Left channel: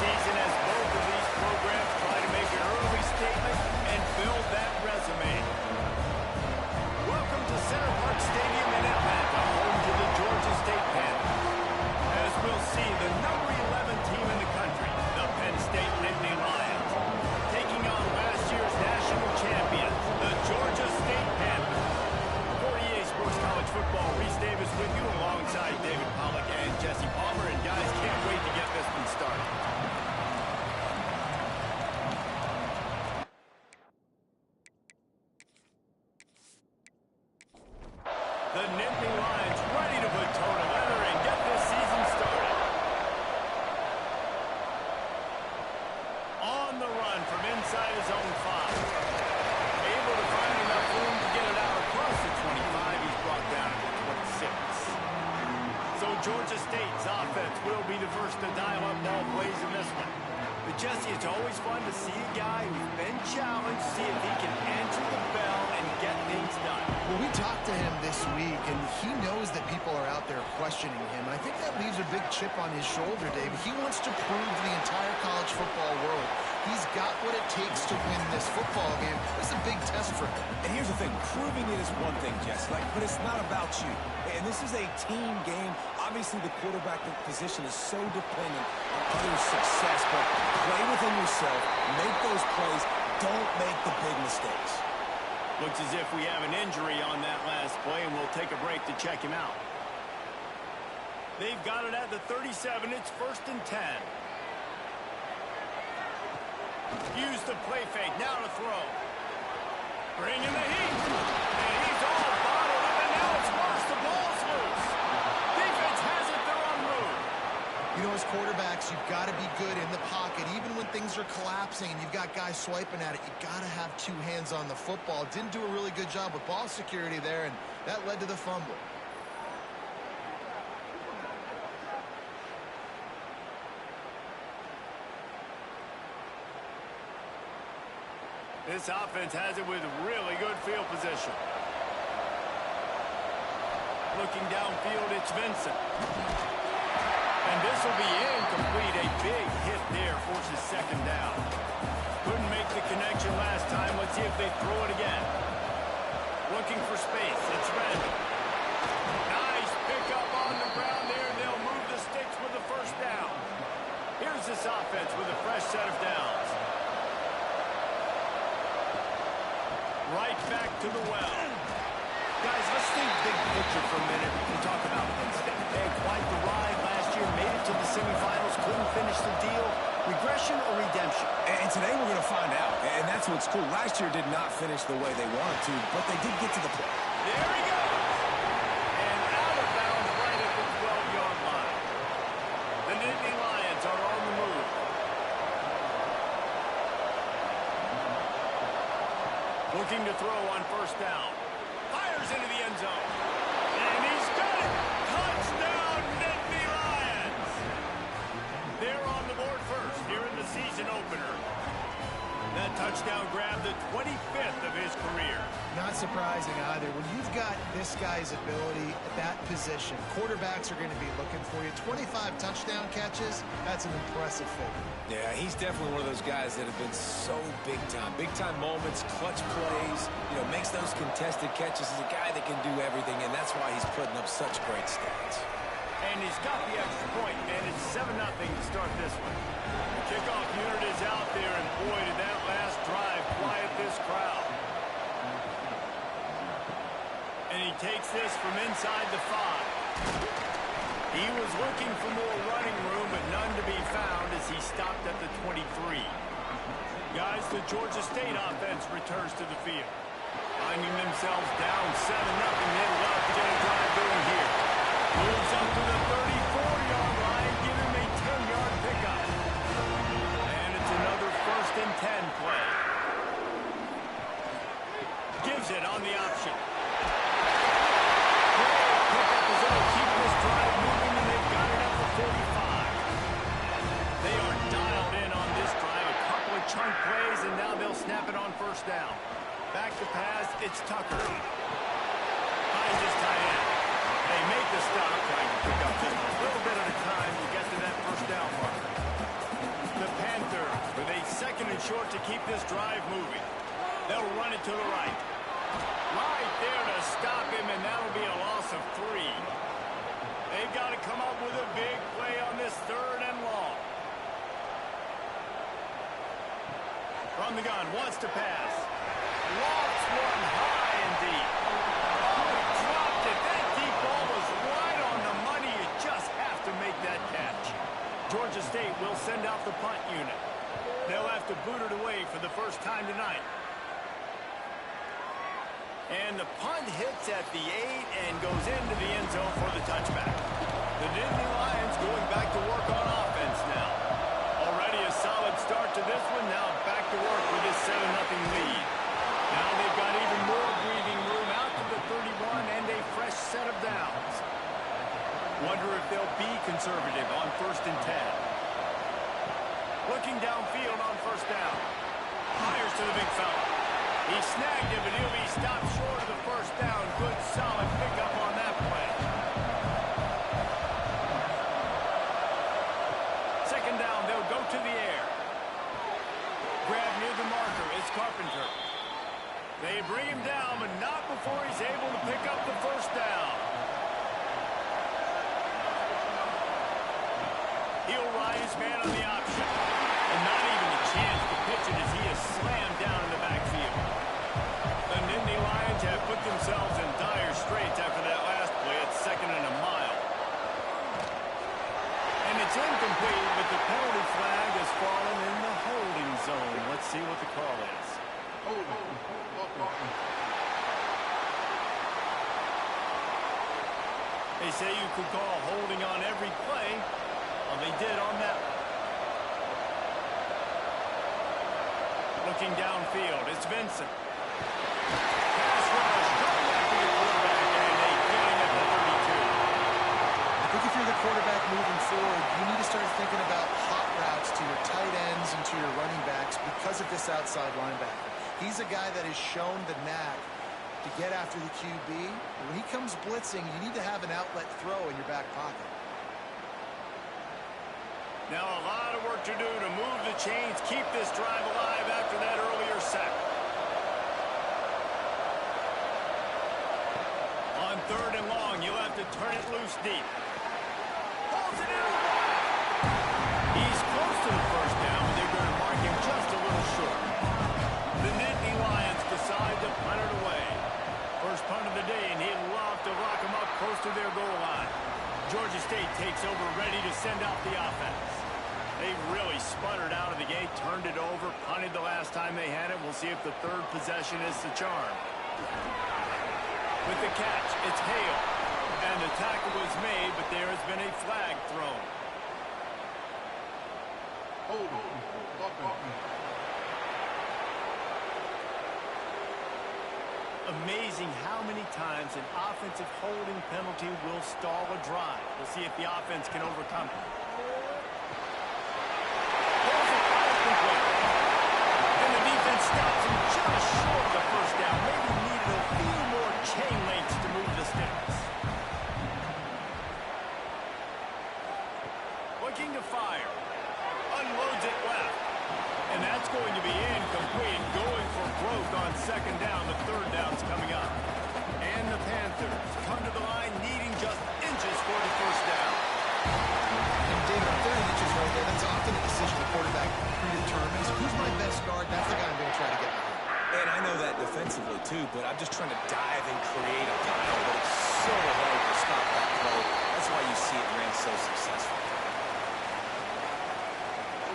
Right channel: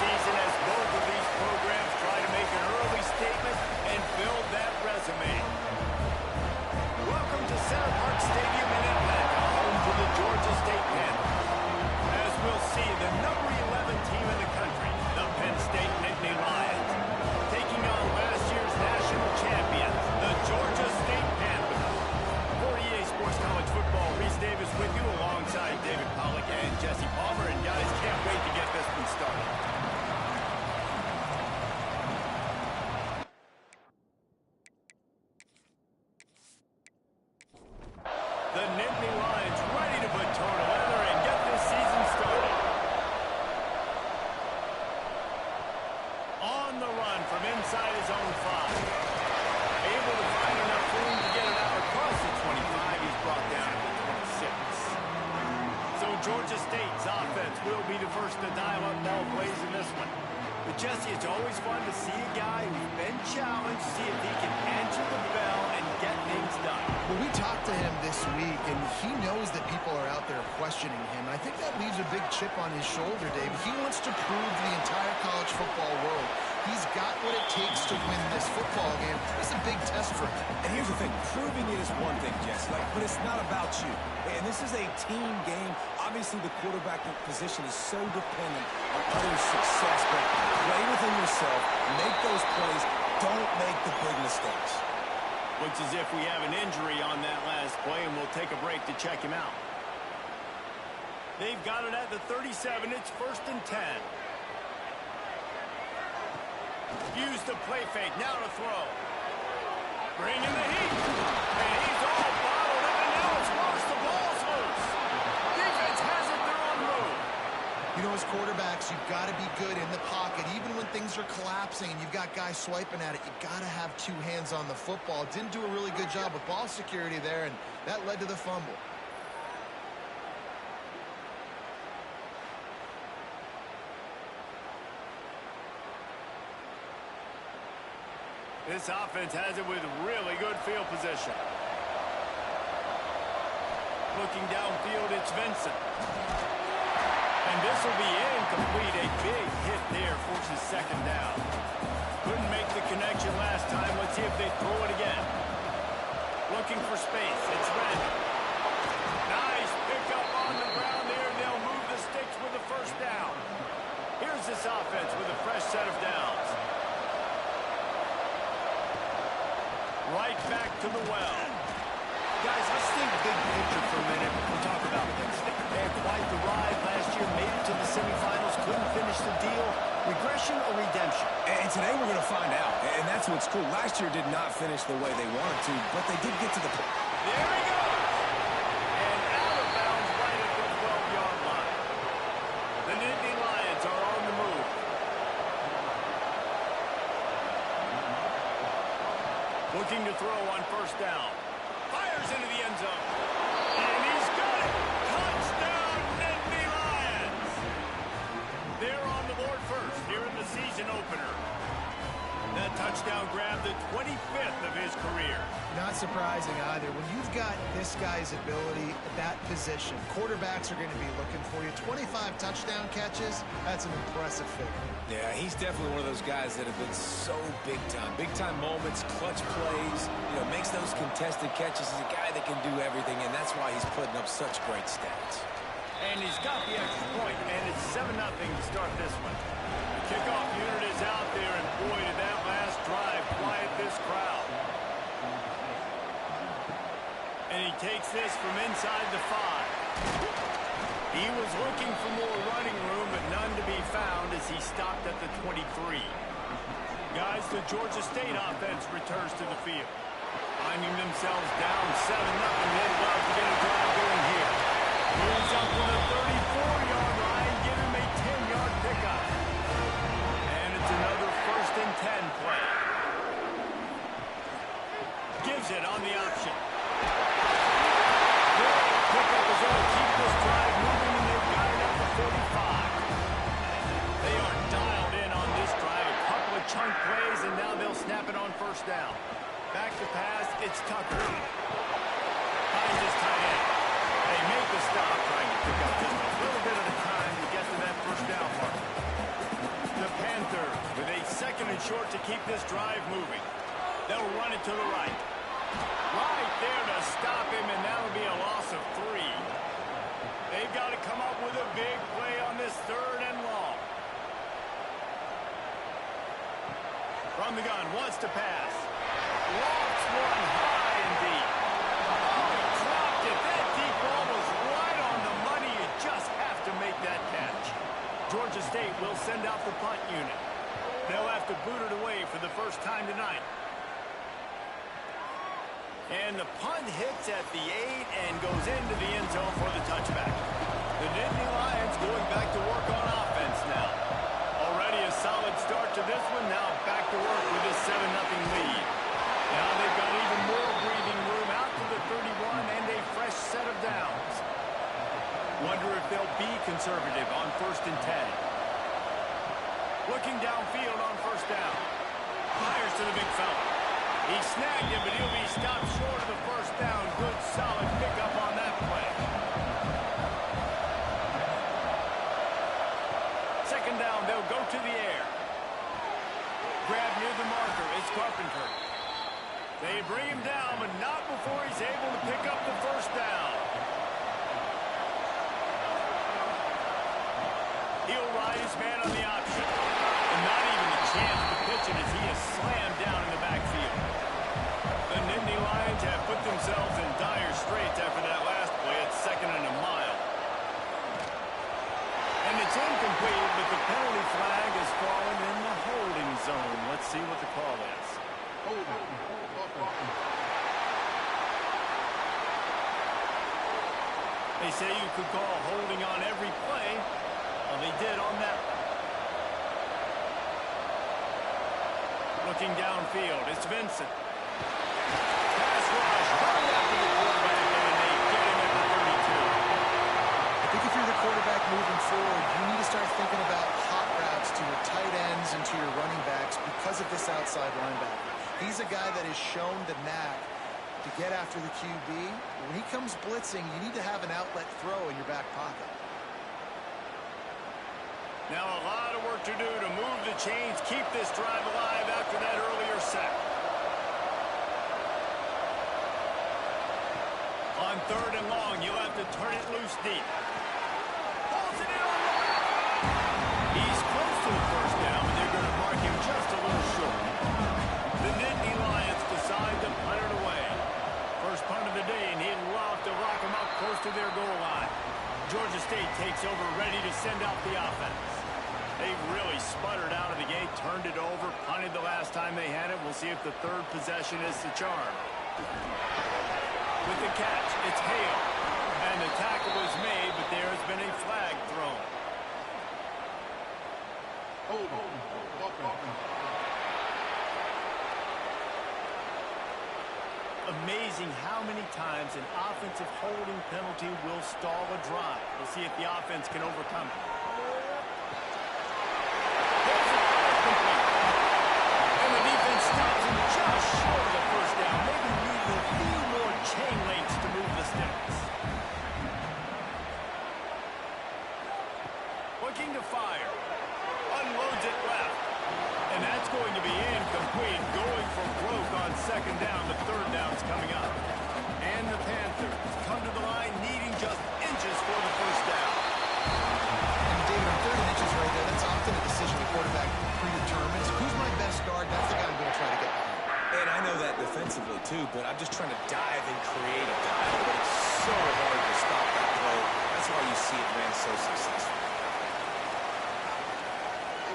season as both of these programs try to make an early statement and build that resume. Welcome to Center Parc Stadium in Atlanta, home to the Georgia State Penn. As we'll see, the number 11 team in the country, the Penn State Nittany Lions, taking on last year's national champions, the Georgia State Panthers. For EA Sports College Football, Reese Davis with you alongside David Pollack and Jesse Palmer. And guys, can't wait to get this one started. The Nittany Lions ready to put toe to leather and get this season started. On the run from inside his own 5. Able to find enough room to get it out across the 25. He's brought down at the 26. So Georgia State's offense will be the first to dial up ball plays in this one. But Jesse, it's always fun to see a guy who's been challenged, see if he can answer the bell and get things done. Well, we talked to him this week, and he knows that people are out there questioning him. And I think that leaves a big chip on his shoulder, Dave. He wants to prove to the entire college football world he's got what it takes to win this football game. It's a big test for him. And here's the thing. Proving it is one thing, Jess, but it's not about you. And this is a team game. Obviously, the quarterback position is so dependent on others' success, but play within yourself, make those plays, don't make the big mistakes. Looks as if we have an injury on that last play, and we'll take a break to check him out. They've got it at the 37. It's 1st and 10. Use the play fake. Now to throw. Bring in the heat. And he's all bottled up, and now it's worse. The ball's loose. Defense has it. They're on move. You know, as quarterbacks, you've got to be good in the pocket. Even when things are collapsing and you've got guys swiping at it, you've got to have 2 hands on the football. Didn't do a really good job with ball security there, and that led to the fumble. This offense has it with really good field position. Looking downfield, it's Vincent. And this will be incomplete. A big hit there forces 2nd down. Couldn't make the connection last time. Let's see if they throw it again. Looking for space. It's random. Nice pickup on the ground there. They'll move the sticks with the 1st down. Here's this offense with a fresh set of downs. Right back to the well. Guys, let's think big picture for a minute. We'll talk about Penn State. They had quite the ride last year, made it to the semifinals, couldn't finish the deal. Regression or redemption? And today we're going to find out. And that's what's cool. Last year did not finish the way they wanted to, but they did get to the point. There he goes. And out of bounds right at the 12-yard line. The Nittany Lions are on the move. Looking to throw on 1st down. Fires into the end zone. And he's got it. Touchdown, Nittany Lions. They're on the board first here in the season opener. That touchdown grabbed the 25th of his career. Not surprising either. When you've got this guy's ability at that position, quarterbacks are going to be looking for you. 25 touchdown catches, that's an impressive figure. Yeah, he's definitely one of those guys that have been so big time. Big time moments, clutch plays, makes those contested catches. He's a guy that can do everything, and that's why he's putting up such great stats. And he's got the extra point, and it's 7-0 to start this one. The kickoff unit is out there, and boy, did that last drive quiet this crowd. And he takes this from inside the 5. He was looking for more running room, but none to be found as he stopped at the 23. Guys, the Georgia State offense returns to the field. Finding themselves down 7-0, they'd love to get a drive going here. Moves up to the 34-yard line, give him a 10-yard pickup. And it's another 1st and 10 play. Gives it on the option. Great pickup as they'll keep this drive moving, and they've got it at the 45. They are dialed in on this drive. A couple of chunk plays, and now they'll snap it on 1st down. Back to pass, it's Tucker. Finds his tight end. They make the stop, trying to pick up just a little bit at a time to get to that 1st down marker. short to keep this drive moving. They'll run it to the right. Right there to stop him, and that'll be a loss of 3. They've got to come up with a big play on this 3rd and long. From the gun, wants to pass. Lofts one high and deep. Oh, he dropped it. That deep ball was right on the money. You just have to make that catch. Georgia State will send out the punt unit. They'll have to boot it away for the first time tonight. And the punt hits at the 8 and goes into the end zone for the touchback. The Nittany Lions going back to work on offense now. Already a solid start to this one. Now back to work with this 7-0 lead. Now they've got even more breathing room out to the 31 and a fresh set of downs. Wonder if they'll be conservative on 1st and 10. Looking downfield on 1st down. Fires to the big fella. He snagged it, but he'll be stopped short of the 1st down. Good, solid pickup on that play. 2nd down, they'll go to the air. Grab near the marker, it's Carpenter. They bring him down, but not before he's able to pick up the 1st down. He'll ride his man on the option. And not even a chance to pitch it as he is slammed down in the backfield. The Nittany Lions have put themselves in dire straits after that last play at 2nd and a mile. And it's incomplete, but the penalty flag has fallen in the holding zone. Let's see what the call is. They say you could call holding on every play. Well, they did on that one. Looking downfield, it's Vincent. Pass rush, coming after the quarterback, and they get him at the 32. I think if you're the quarterback moving forward, you need to start thinking about hot routes to your tight ends and to your running backs because of this outside linebacker. He's a guy that has shown the knack to get after the QB. When he comes blitzing, you need to have an outlet throw in your back pocket. Now a lot of work to do to move the chains, keep this drive alive after that earlier sack. On 3rd and long, you'll have to turn it loose deep. Pulls it in on the left. He's close to the 1st down, but they're going to mark him just a little short. The Nittany Lions decide to punt it away. First punt of the day, and he'd love to lock them up close to their goal line. Georgia State takes over, ready to send out the offense. They really sputtered out of the gate, turned it over, punted the last time they had it. We'll see if the 3rd possession is the charm. With the catch, it's Hale. And the tackle was made, but there has been a flag thrown. Amazing how many times an offensive holding penalty will stall a drive. We'll see if the offense can overcome it. Pulls it complete. And the defense stops him just short of the 1st down. Maybe needed a few more chain links to move the sticks. Looking to fire. Unloads it left. And that's going to be incomplete. Going for broke on 2nd down. The 3rd down's coming up. And the Panthers come to the line needing just inches for the 1st down. And David, on 3rd and inches right there, that's often a decision the quarterback predetermines. Who's my best guard? That's the guy I'm going to try to get behind. And I know that defensively, too, but I'm just trying to dive and create a pile, but it's so hard to stop that throw. That's why you see it ran so successful.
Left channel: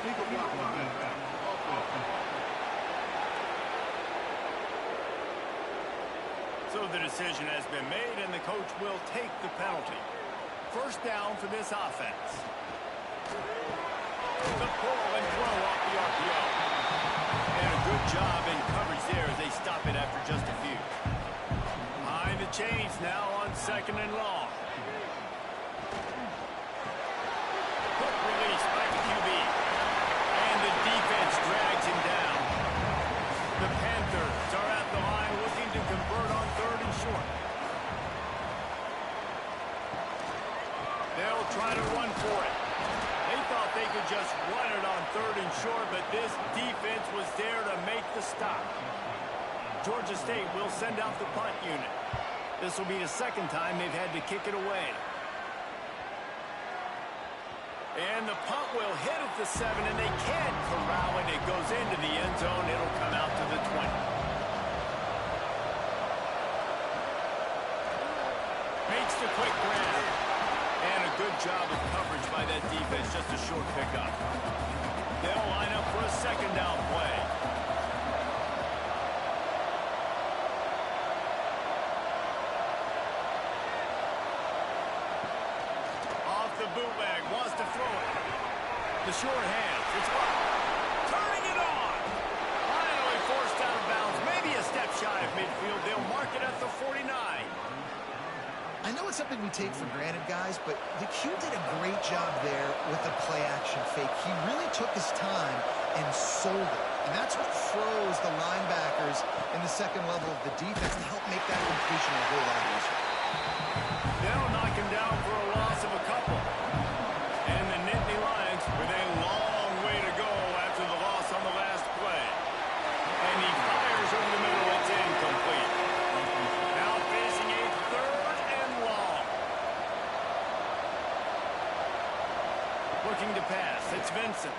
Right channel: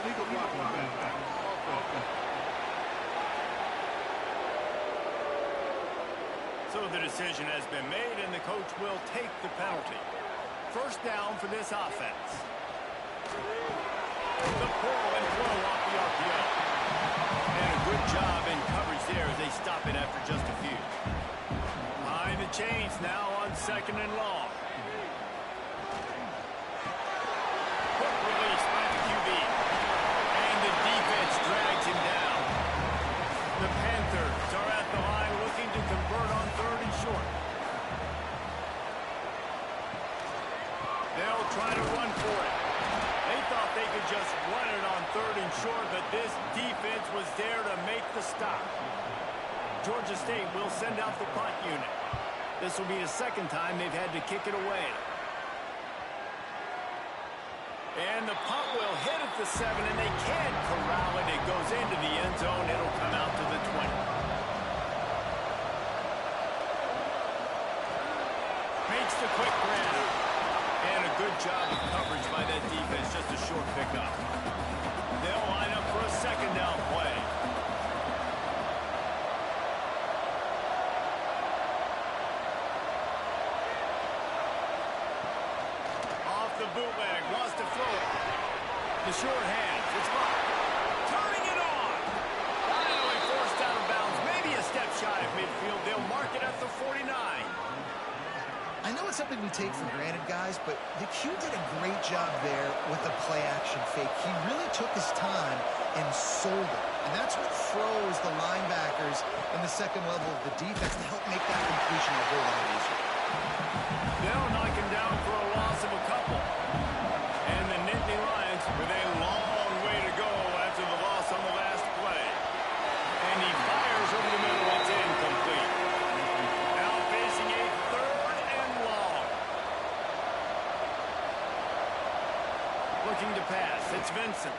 Illegal block on back. So the decision has been made, and the coach will take the penalty. 1st down for this offense. The pull and throw off the RPO. And a good job in coverage there as they stop it after just a few. Behind the chains now on 2nd and long. Quick release by the QB. And the defense drags him down. The Panthers are at the line looking to convert on 3rd and short. They'll try to run for it. They thought they could just run it on 3rd and short, but this defense was there to make the stop. Georgia State will send out the punt unit. This will be the 2nd time they've had to kick it away. And the punt will hit at the 7, and they can't corral it. It goes into the end zone. It'll come out to the 20. Makes the quick grab. And a good job of coverage by that defense. Just a short pickup. They'll line up for a 2nd down play. Off the bootleg. Wants to throw it. The short hands. It's blocked. Turning it on. Finally forced out of bounds. Maybe a step shy of midfield. They'll mark it at the 49. I know it's something we take for granted, guys, but the Q did a great job there with the play-action fake. He really took his time and sold it. And that's what froze the linebackers in the 2nd level of the defense to help make that completion a whole lot easier. They'll knock him down for a loss of a couple. And the Nittany Lions with a long way to go after the loss on the last play. And he fires over the middle. It's incomplete. Now facing a 3rd and long. Looking to pass. It's Vincent.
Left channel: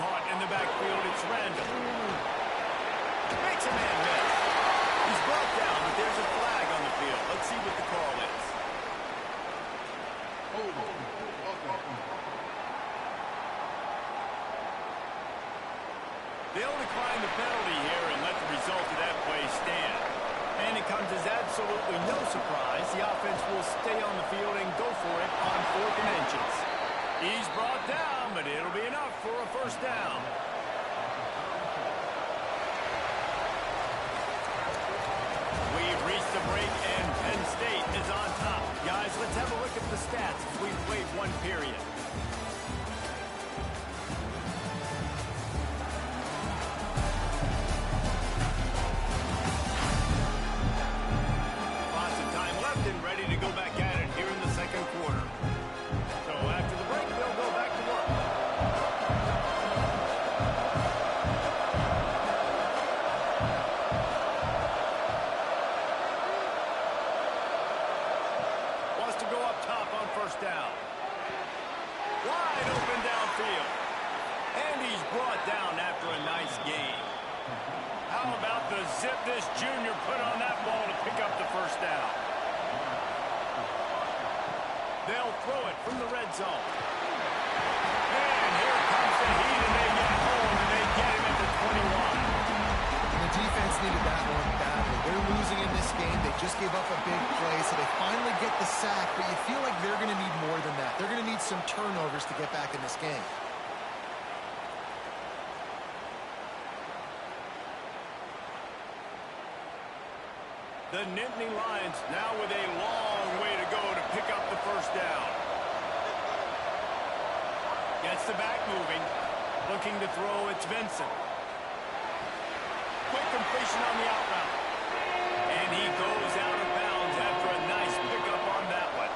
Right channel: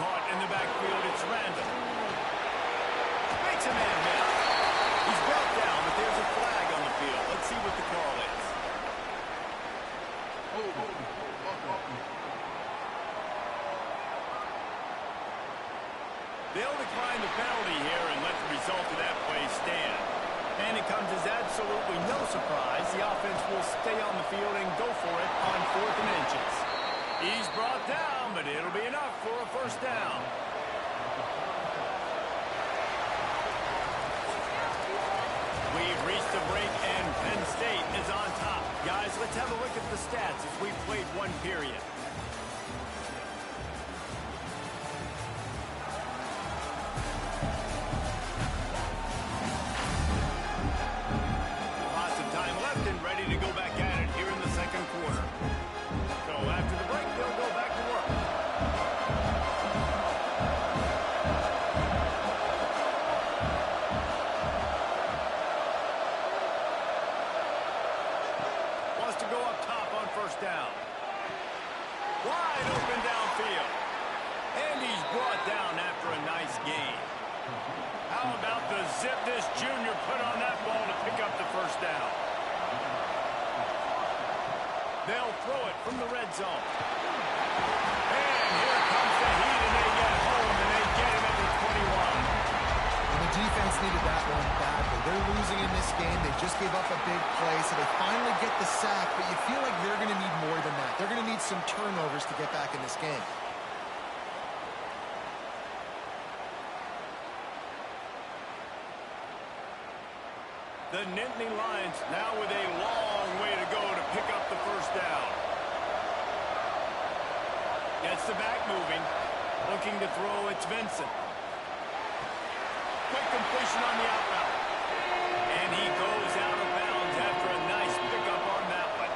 Caught in the backfield. It's Randall. Makes a man miss. He's brought down, but there's a flag on the field. Let's see what the call is. They'll decline the penalty here and let the result of that play stand. And it comes as absolutely no surprise. The offense will stay on the field and go for it on 4th and inches. He's brought down, but it'll be enough for a 1st down. We've reached the break, and Penn State is on top. Guys, let's have a look at the stats as we've played 1 period. Lots of time left and ready to go back at it here in the 2nd quarter. So after the break, they'll go back to work. To go up top on 1st down. Wide open downfield. And he's brought down after a nice gain. How about the zip this junior put on that ball to pick up the 1st down? They'll throw it from the red zone. And here comes the heat, and they get home, and they get him at the 21. And the defense needed that one badly. They're losing in this game. They just gave up a big play, so they finally get the sack, but you feel like they're going to need more than that. They're going to need some turnovers to get back in this game. The Nittany Lions now with a long way to go to pick up the 1st down. Gets the back moving. Looking to throw, it's Vincent. Quick completion on the out route. And he goes out of bounds after a nice pickup on that one.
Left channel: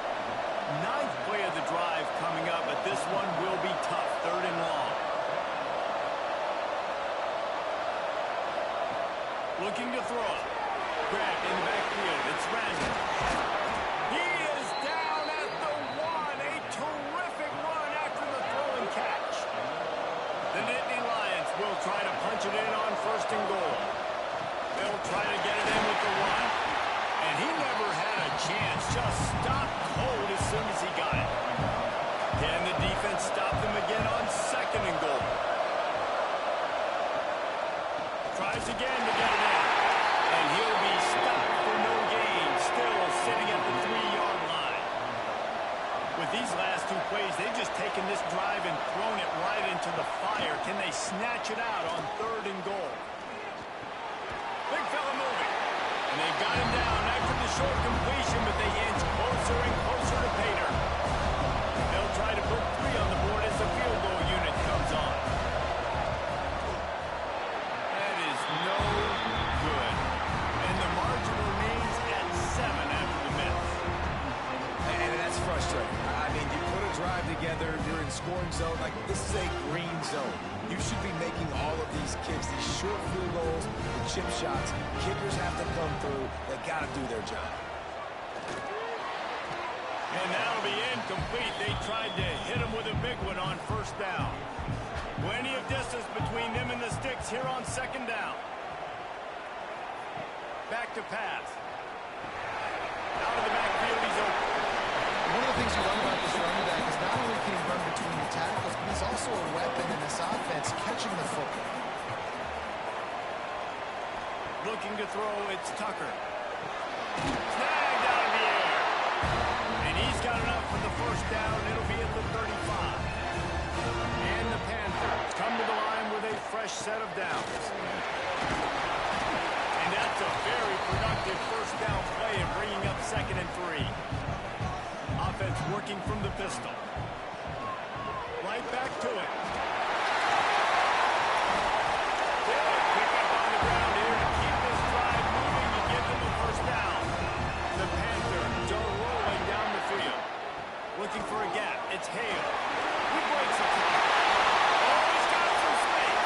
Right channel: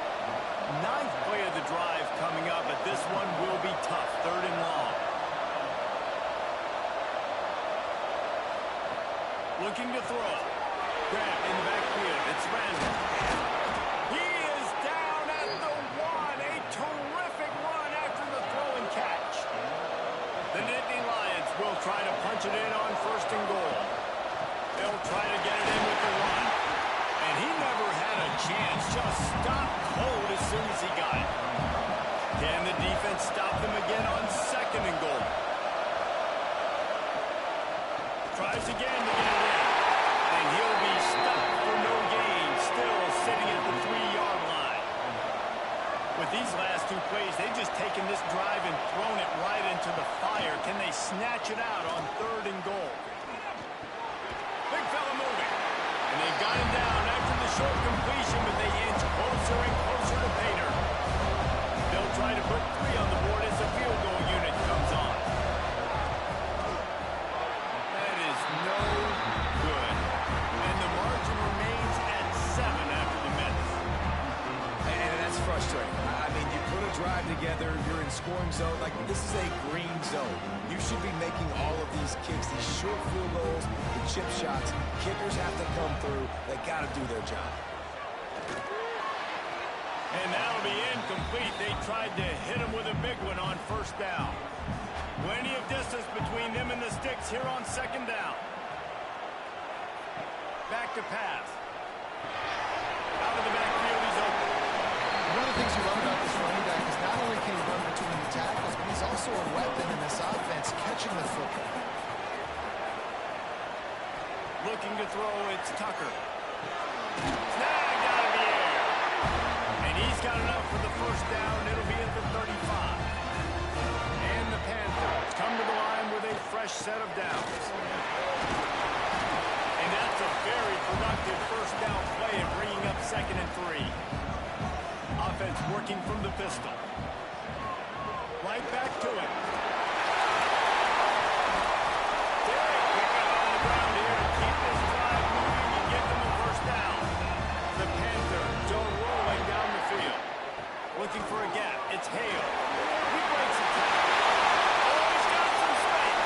9th play of the drive coming up, but this one will be tough. 3rd and long. Looking to throw. Grabbed in the backfield. It's Randall. He is down at the 1. A terrific run after the throw and catch. The Nittany Lions will try to punch it in on 1st and goal. They'll try to get it in with the run. And he never had a chance. Just stopped cold as soon as he got it. Can the defense stop them again on 2nd and goal? Tries again to get it in. And he'll be stopped for no gain. Still sitting at the 3-yard line. With these last 2 plays, they've just taken this drive and thrown it right into the fire. Can they snatch it out on 3rd and goal? Big fella moving. And they've got him down after the short completion, but they inch closer and closer to pay dirt. They'll try to put 3 on the board as the field goal unit comes on. That is no good. And the margin remains at 7 after the miss. And that's frustrating. I mean, you put a drive together, you're in scoring zone. Like, this is a green zone. You should be making all of these kicks, these short field goals, the chip shots. Kickers have to come through. They got to do their job. And that'll be incomplete. They tried to hit him with a big one on first down. Plenty of distance between them and the sticks here on second down. Back to pass. Out of the backfield, he's open. One of the things you love about this running back is not only can he run between the tackles, but he's also a weapon in this offense, catching the football. Looking to throw, it's Tucker. Snagged out of the air. And he's got enough for the first down. It'll be at the 35. And the Panthers come to the line with a fresh set of downs. And that's a very productive first down play of bringing up 2nd and 3. Offense working from the pistol. Right back to it. Big pickup on the ground here to keep this drive moving and give them a first down. The Panthers are rolling down the field. Looking for a gap. It's Hale. He breaks a tackle. Oh, he's got some space.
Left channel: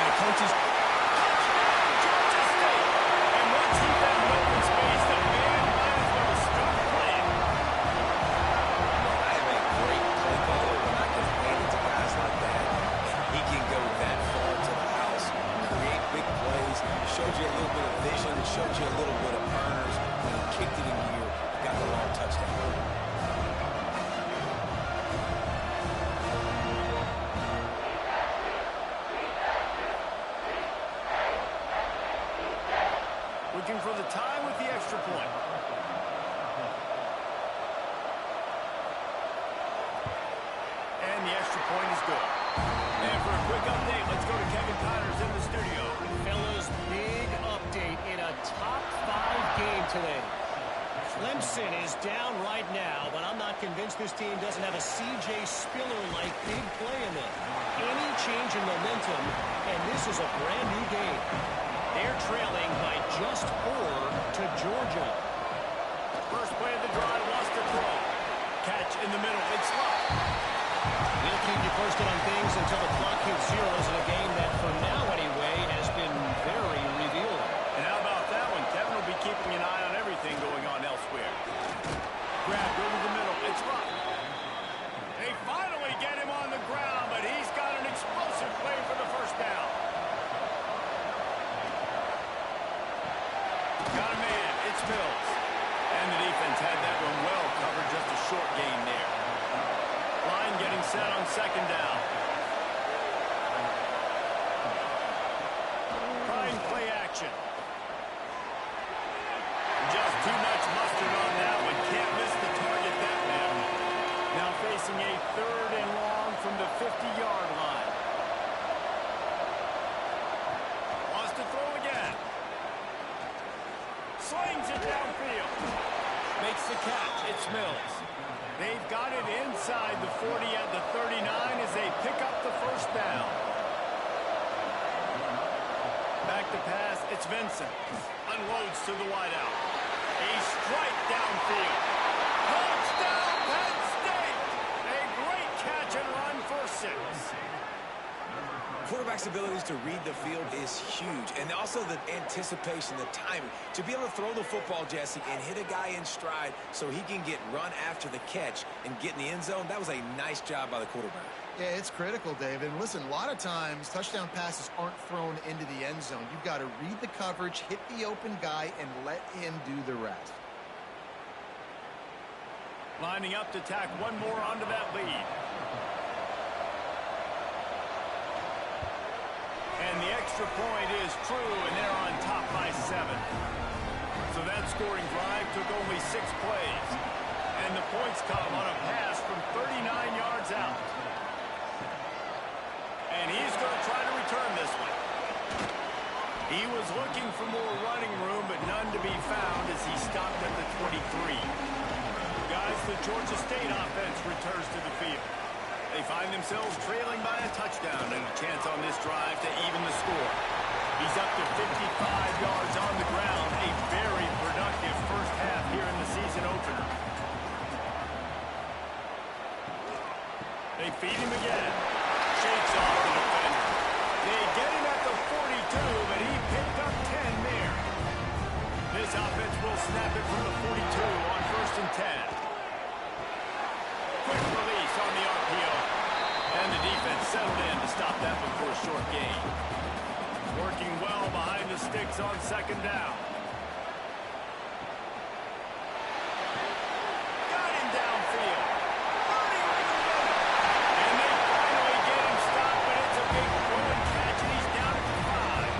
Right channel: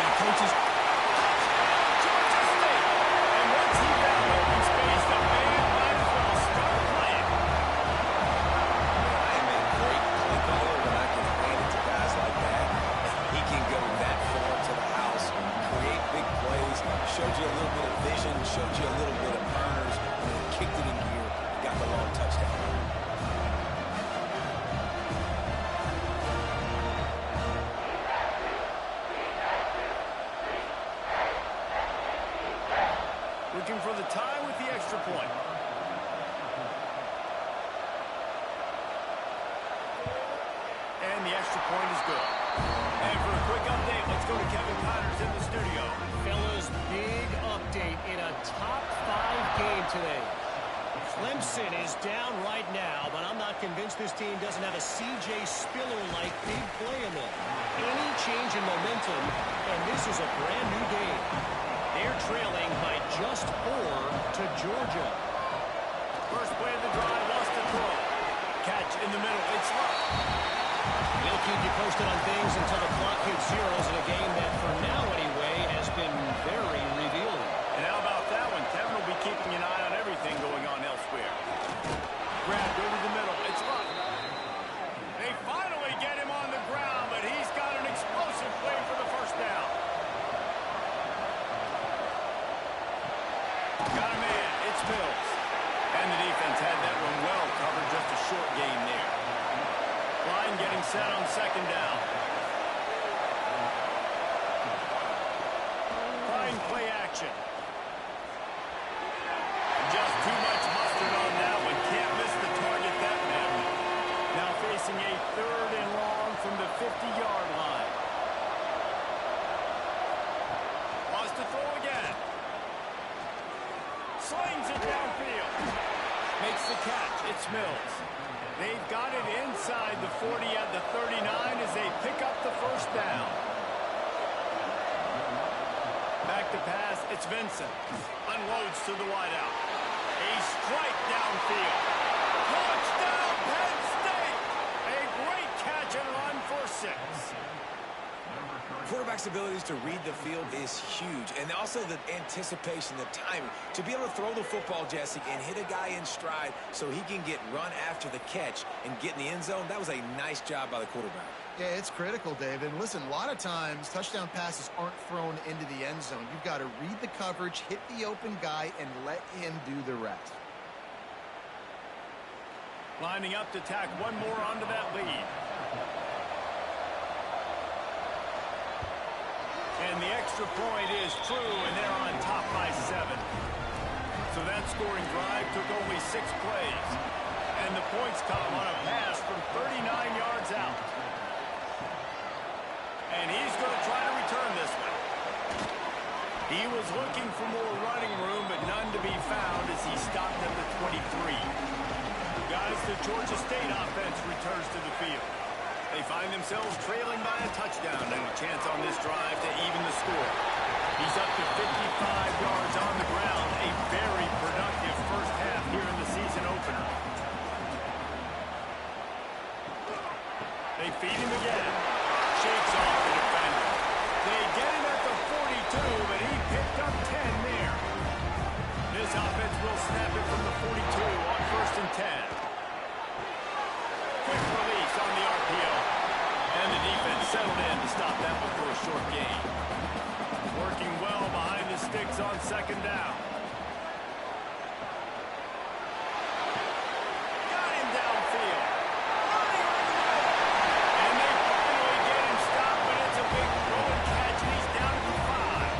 Now, coaches... Touchdown, Georgia State. And once he found open space, the band might as well start playing. I am a great play caller when I can hand it to guys like that. He can go that far to the house, create big plays, showed you a little bit of vision, showed you a little bit of burners. When he kicked it in gear, he got the long touchdown. Looking for the tie with the extra point. And the extra point is good. And for a quick update, let's go to Kevin Connors in the studio. Fellas, big update in a top 5 game today. Clemson is down right now, but I'm not convinced this team doesn't have a C.J. Spiller-like big play in them. Any change in momentum, and this is a brand new game. They're trailing by just 4 to Georgia. First play of the drive, lost the throw. Catch in the middle, it's Luck. We'll keep you posted on things until the clock hits zeros in a game that, for now anyway, has been very revealing. And how about that one? Kevin will be keeping an eye on everything going on elsewhere. Grabbed over the middle, it's Luck. They finally get him on the ground, but he's got an explosive play for the first down. Got a man, it's Mills. And the defense had that one well covered, just a short gain there. Line getting set on second down. Trying play action. Just too much mustard on that one. Can't miss the target that badly. Now facing a 3rd and long from the 50-yard line. Wants to throw again. Slings it downfield. Makes the catch. It's Mills. They've got it inside the 40 at the 39 as they pick up the first down. Back to pass. It's Vincent. Unloads to the wideout. A strike downfield. Touchdown, Penn State. A great catch and run for 6. Quarterback's abilities to read the field is huge, and also the anticipation, the timing. To be able to throw the football, Jesse, and hit a guy in stride so he can get run after the catch and get in the end zone, that was a nice job by the quarterback. Yeah, it's critical, David. And listen, a lot of times touchdown passes aren't thrown into the end zone. You've got to read the coverage, hit the open guy, and let him do the rest. Lining up to tack one more onto that lead. And the extra point is true, and they're on top by 7. So that scoring drive took only 6 plays. And the points come on a pass from 39 yards out. And he's going to try to return this one. He was looking for more running room, but none to be found as he stopped at the 23. Guys, the Georgia State offense returns to the field. They find themselves trailing by a touchdown and a chance on this drive to even the score. He's up to 55 yards on the ground. A very productive first half here in the season opener. They feed him again. Shakes off the defender. They get him at the 42, but he picked up 10 there. This offense will snap it from the 42 on 1st and 10. Quick release on the RPO. And the defense settled in to stop that before a short gain. Working well behind the sticks on 2nd down. Got him downfield. Running right in the middle. And they finally get him stopped, but it's a big throw and catch, and he's down at the 5.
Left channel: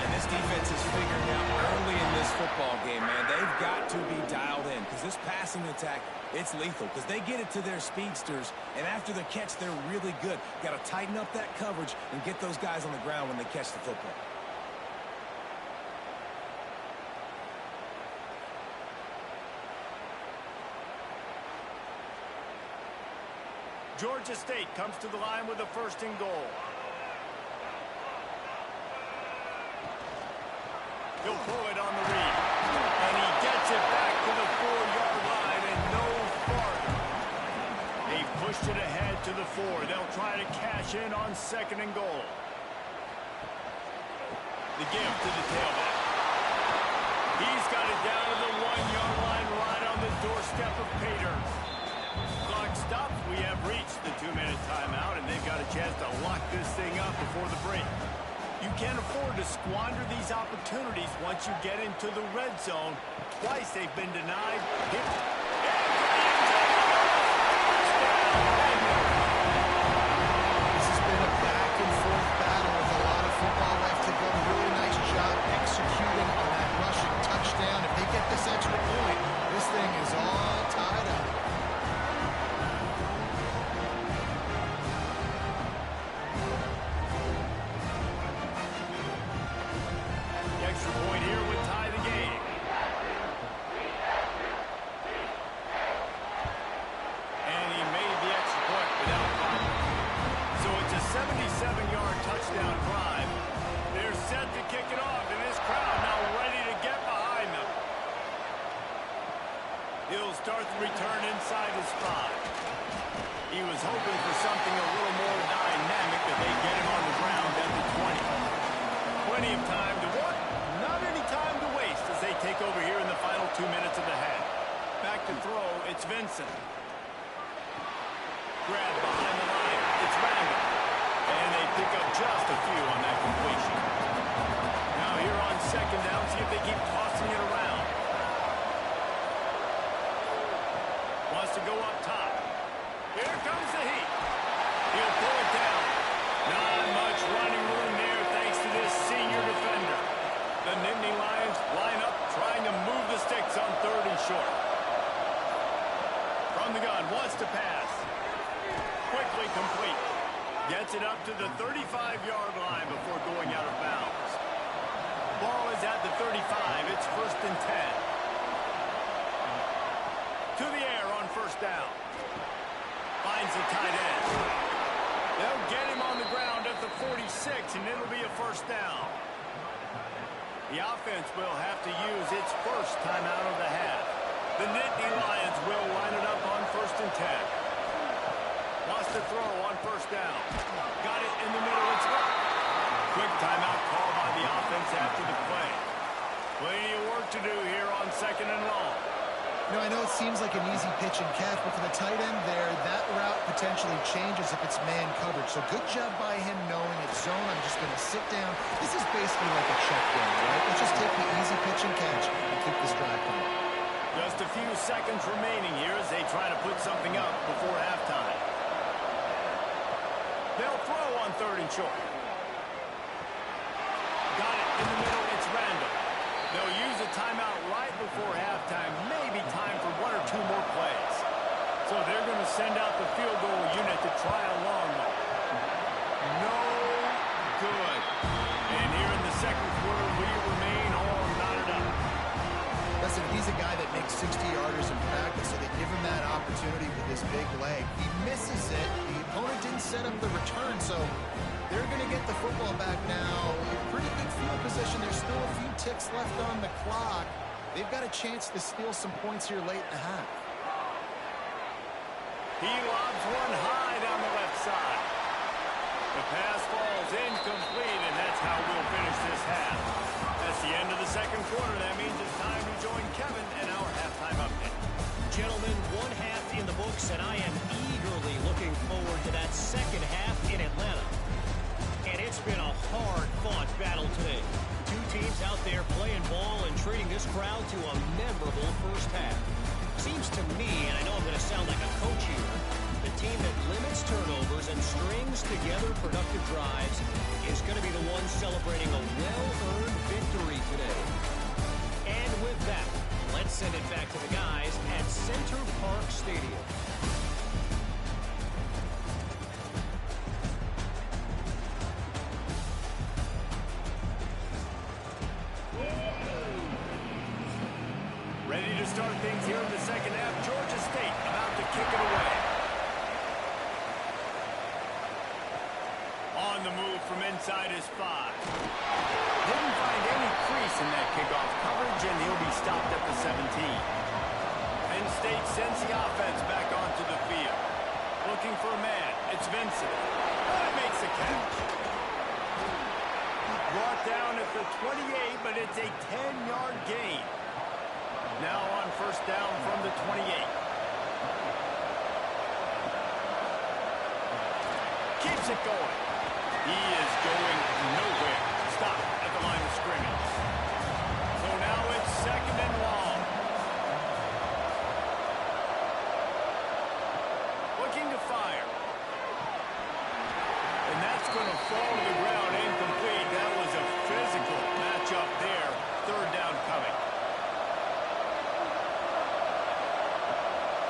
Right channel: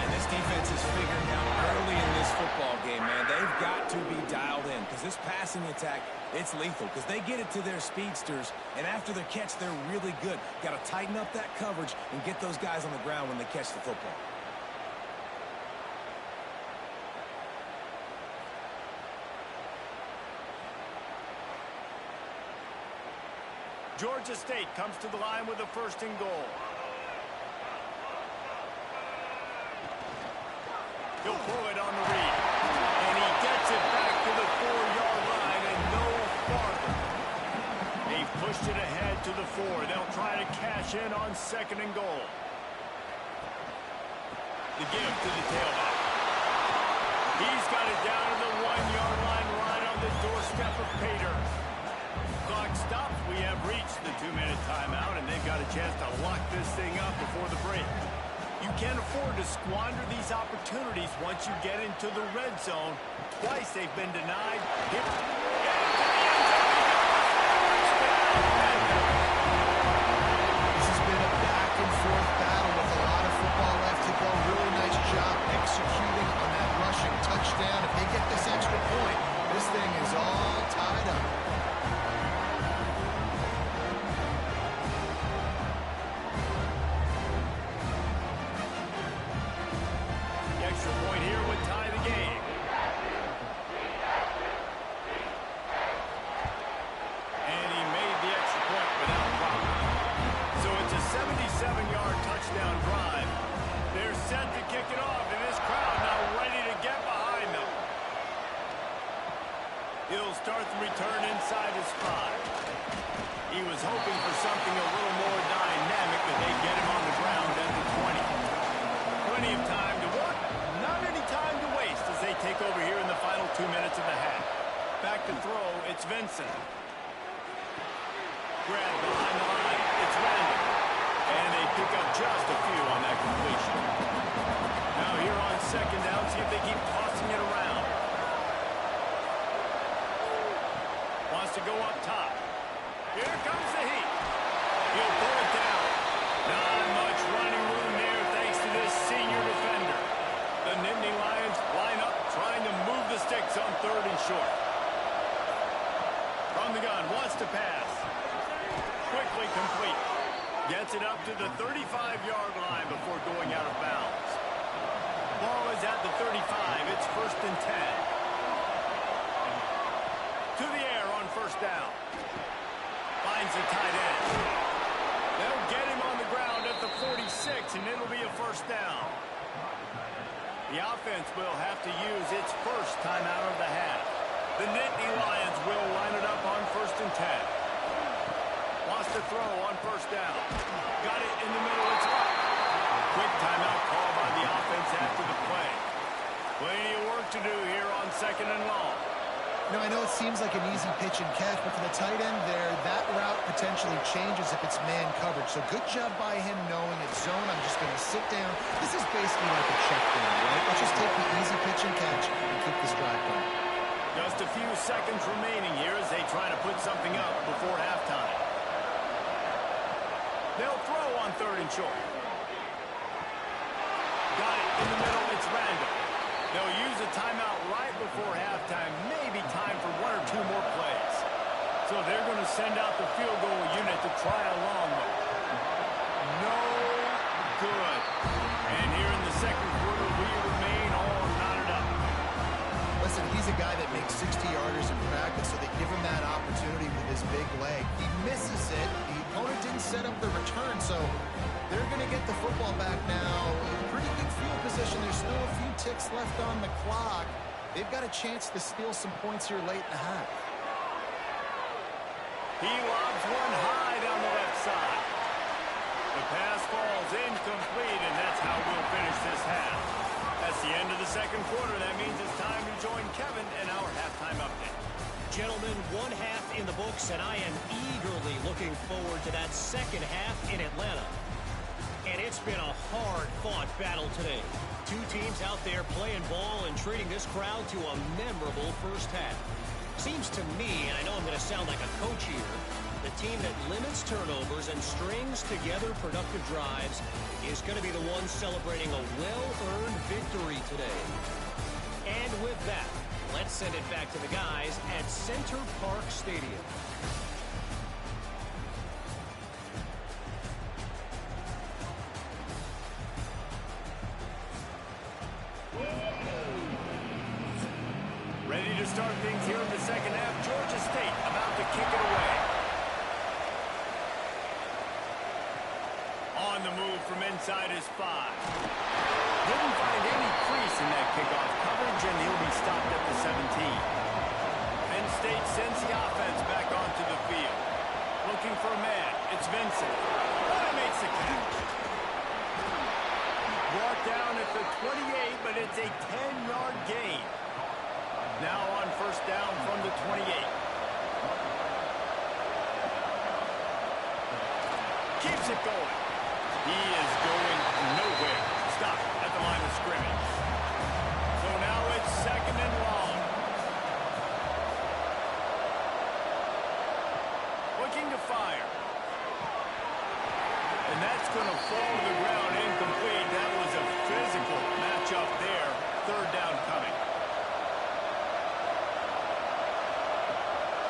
And this defense is figuring out early in this football game, man. They've got to be dialed in because this passing attack, it's lethal because they get it to their speedsters, and after the catch, they're really good. Got to tighten up that coverage and get those guys on the ground when they catch the football. Georgia State comes to the line with a 1st and goal. He'll pull it on the read. And he gets it back to the 4-yard line and no farther. They've pushed it ahead to the 4. They'll try to cash in on 2nd and goal. The give to the tailback. He's got it down to the 1-yard line right on the doorstep of Pater. Clock stops. We have reached the 2-minute timeout, and they've got a chance to lock this thing up before the break. You can't afford to squander these opportunities once you get into the red zone. Twice they've been denied. Hit. Into the end zone he goes. Touchdown, Penn. This has been a back-and-forth battle with a lot of football left to go. Really nice job executing on that rushing touchdown. If they get this extra point, this thing is all tied up. Extra point here would tie the game. And he made the extra point without problem. So it's a 77-yard touchdown drive. They're set to kick it off, and this crowd now ready to get behind them. He'll start the return inside his 5. He was hoping for something a little more dynamic, but they get him on the ground at the 20. Plenty of time to work. Not any time to waste as they take over here in the final 2 minutes of the half. Back to throw, it's Vincent. Grab behind the line, it's Randall. And they pick up just a few on that completion. Now here on 2nd down, see if they keep tossing it around. Wants to go up top. Here comes the heat. He'll pull it down. Not much running room there thanks to this senior defender. The Nittany Lions line up, trying to move the sticks on 3rd and short. From the gun, wants to pass. Quickly complete. Gets it up to the 35-yard line before going out of bounds. Ball is at the 35. It's 1st and 10. To the air on 1st down. Finds the tight end. They'll get him on the ground at the 46, and it'll be a 1st down. The offense will have to use its first timeout of the half. The Nittany Lions will line it up on 1st and 10. Wants to throw on 1st down. Got it in the middle, it's up. Quick timeout call by the offense after the play. Plenty of work to do here on 2nd and long. You know, I know it seems like an easy pitch and catch, but for the tight end there, that route potentially changes if it's man coverage. So good job by him knowing it's zone. I'm just going to sit down. This is basically like a check down, right? Let's just take the easy pitch and catch and keep this drive going. Just a few seconds remaining here as they try to put something up before halftime. They'll throw on 3rd and short. Got it in the middle. It's Randall. They'll use a timeout right before halftime. Maybe time for 1 or 2 more plays. So they're going to send out the field goal unit to try a long one. No good. And here in the 2nd quarter, we remain all knotted up. Listen, he's a guy that makes 60-yarders in practice, so they give him that opportunity with his big leg. He misses it. The opponent didn't set up the return, so they're going to get the football back now. Pretty good field position. There's still a few ticks left on the clock. They've got a chance to steal some points here late in the half. He lobs one high down the left side. The pass falls incomplete, and that's how we'll finish this half. That's the end of the second quarter. That means it's time to join Kevin and our halftime update. Gentlemen, one half in the books, and I am eagerly looking forward to that second half in Atlanta. And it's been a hard-fought battle today. Two teams out there playing ball and treating this crowd to a memorable first half. Seems to me, and I know I'm going to sound like a coach here, the team that limits turnovers and strings together productive drives is going to be the one celebrating a well-earned victory today. And with that, let's send it back to the guys at Center Park Stadium. Ready to start things here in the second half. Georgia State about to kick it away. On the move from inside his 5. Didn't find any crease in that kickoff coverage, and he'll be stopped at the 17. Penn State sends the offense back onto the field. Looking for a man. It's Vincent. Oh, he makes the catch. Brought down at the 28, but it's a 10-yard gain. Now on first down from the 28. Keeps it going. He is going nowhere. Stop at the line of scrimmage. So now it's second and long. Looking to fire. And that's going to fall to the ground incomplete. That was a physical matchup there. Third down coming.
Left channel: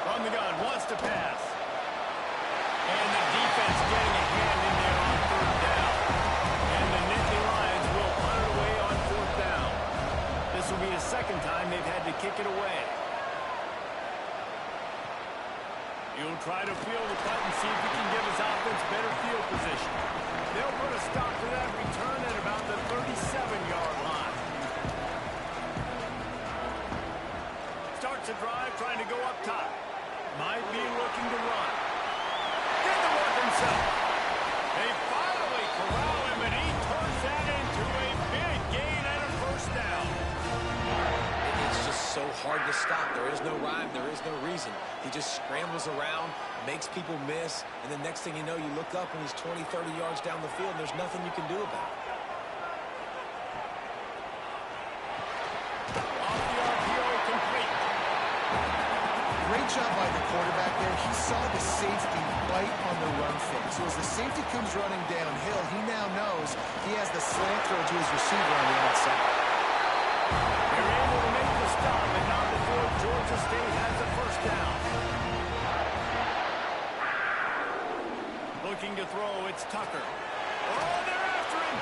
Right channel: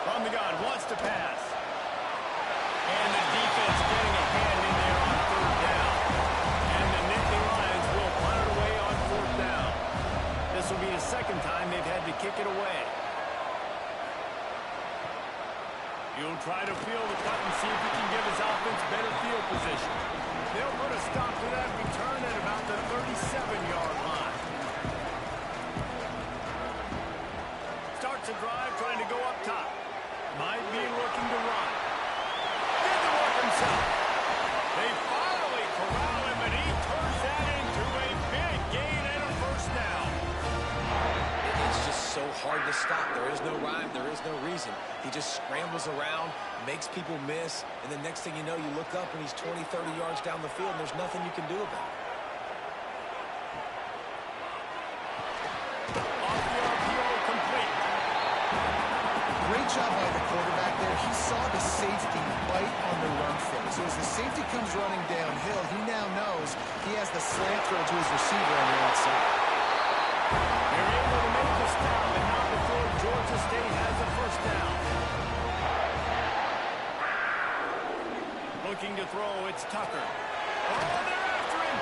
From the gun, wants to pass. And the defense getting a hand in there on third down. And the Nittany Lions will punt it away on fourth down. This will be the second time they've had to kick it away. He'll try to field the punt and see if he can give his offense better field position. They'll put a stop to that return at about the 37-yard line. Starts a drive trying to go up top. Might be looking to run. Did the work himself. They finally corral him, and he turns that into a big gain and a first down. It's just so hard to stop. There is no rhyme. There is no reason. He just scrambles around, makes people miss, and the next thing you know, you look up and he's 20, 30 yards down the field, and there's nothing you can do about it. Off the RPO, complete. Great job by the quarterback there. He saw the safety bite on the run fake. So as the safety comes running downhill, he now knows he has the slant throw to his receiver on the outside. They're able to make the stop, but not before Georgia State has a first down. Looking to throw, it's Tucker. Oh, they're after him.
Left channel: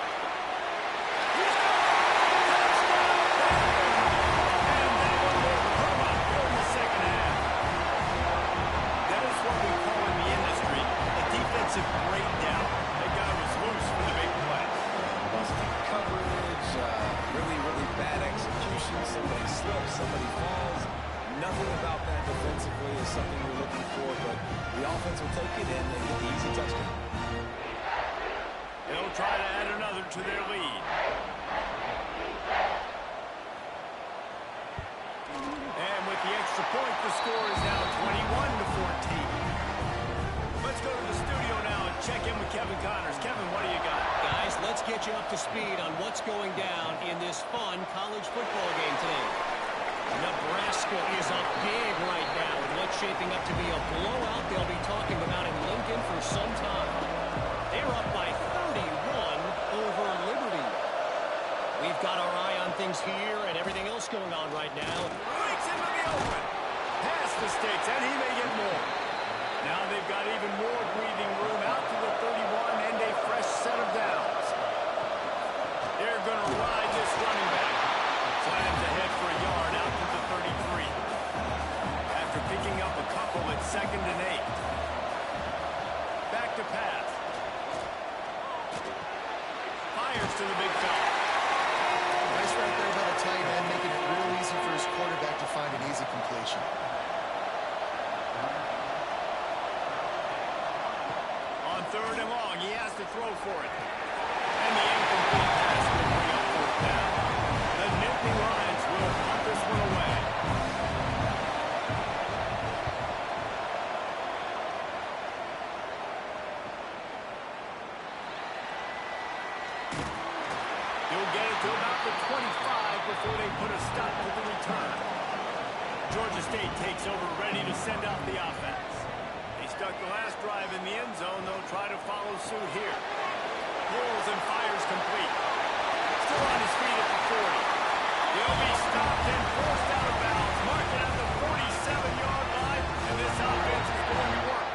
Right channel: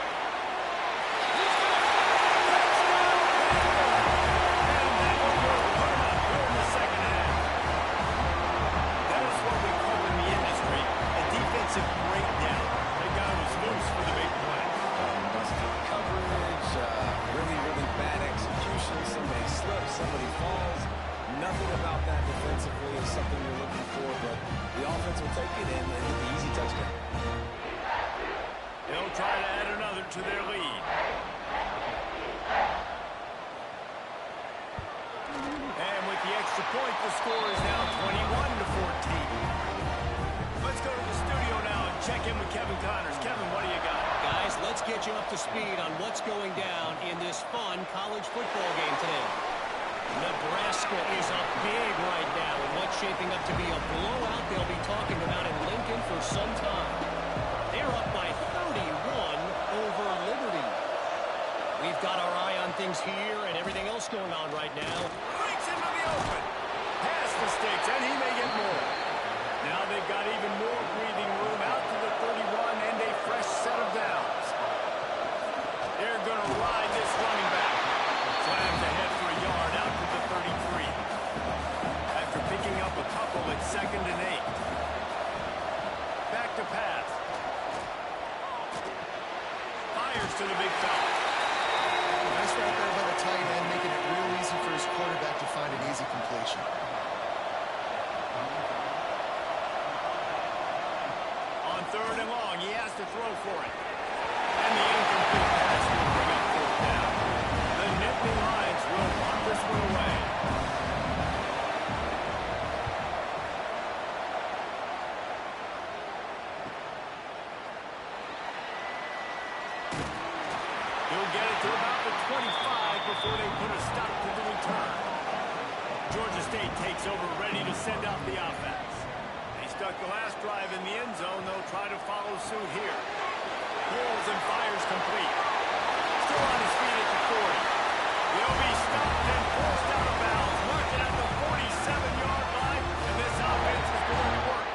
He's got it. Touchdown, Penn. And that one will put him up here in the second half. That is what we call in the industry a defensive breakdown. That guy was loose for the big play. Busted coverage, really, really bad execution. Somebody slips, somebody falls. Nothing about that defensively is something you're looking for, but the offense will take it in and get the easy touchdown. They'll try to add another to their lead. And with the extra point, the score is now 21-14. Let's go to the studio now and check in with Kevin Connors. Kevin, what do you got? Guys, let's get you up to speed on what's going down in this fun college football game today. Nebraska is up big right now in what's shaping up to be a blowout they'll be talking about in Lincoln for some time. They're up by 31 over Liberty. We've got our eye on things here and everything else going on right now. Breaks into the open. Past the sticks, and he may get more. Now they've got even more breathing room out to the 31 and a fresh set of downs. They're going to ride this running back. Slams ahead for a yard out to the 33. After picking up a couple at 2nd and 8. Back to pass. Fires to the big fella. Nice right there by the tight end, making it real easy for his quarterback to find an easy completion. third and long. He has to throw for it. And the incomplete pass will bring up fourth down. The Nittany Lions will punt this one away. He'll get it to about the 25 before they put a stop to the return. Georgia State takes over, ready to send out the offense. They stuck the last drive in the end zone. They'll try to follow suit here. Pulls and fires complete. Still on his feet at the 40. He'll be stopped and forced out of bounds. Mark it at the 47-yard line, and this offense is going to work.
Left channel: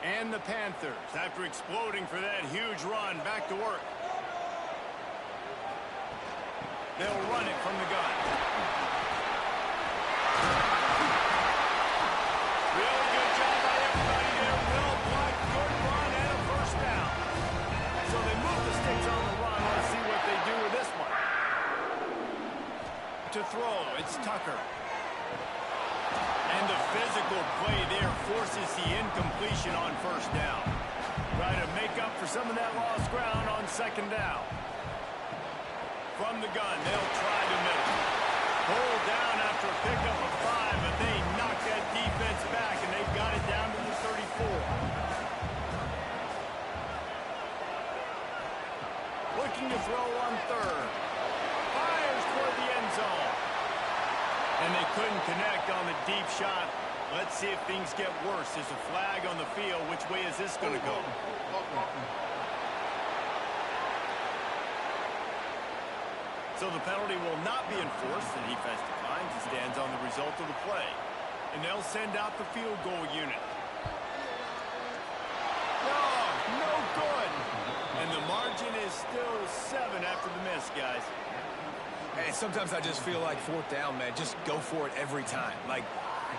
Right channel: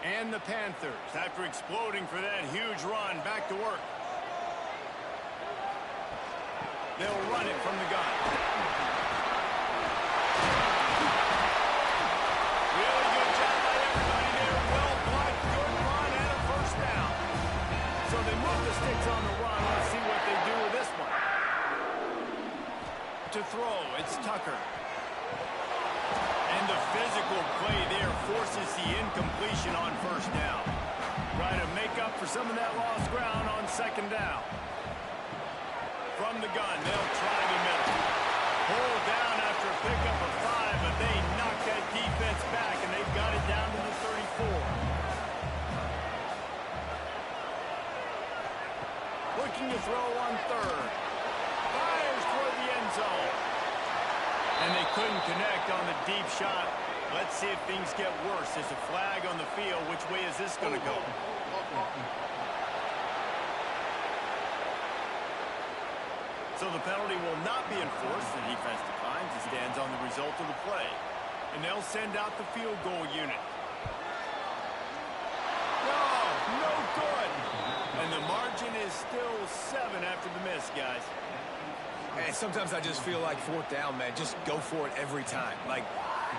And the Panthers, after exploding for that huge run, back to work. They'll run it from the gun. Really good job by everybody there. Well blocked, good run, and a first down. So they move the sticks on the run. Let's see what they do with this one. To throw, it's Tucker. And the physical play there forces the incompletion on first down. Try to make up for some of that lost ground on second down. From the gun, they'll try the middle. Pulled down after a pickup of 5, but they knock that defense back, and they've got it down to the 34. Looking to throw on third. Fires toward the end zone. And they couldn't connect on the deep shot. Let's see if things get worse. There's a flag on the field. Which way is this going to go? So the penalty will not be enforced. The defense declines. It stands on the result of the play. And they'll send out the field goal unit. No good. And the margin is still 7 after the miss, guys. And sometimes I just feel like fourth down, man, just go for it every time. Like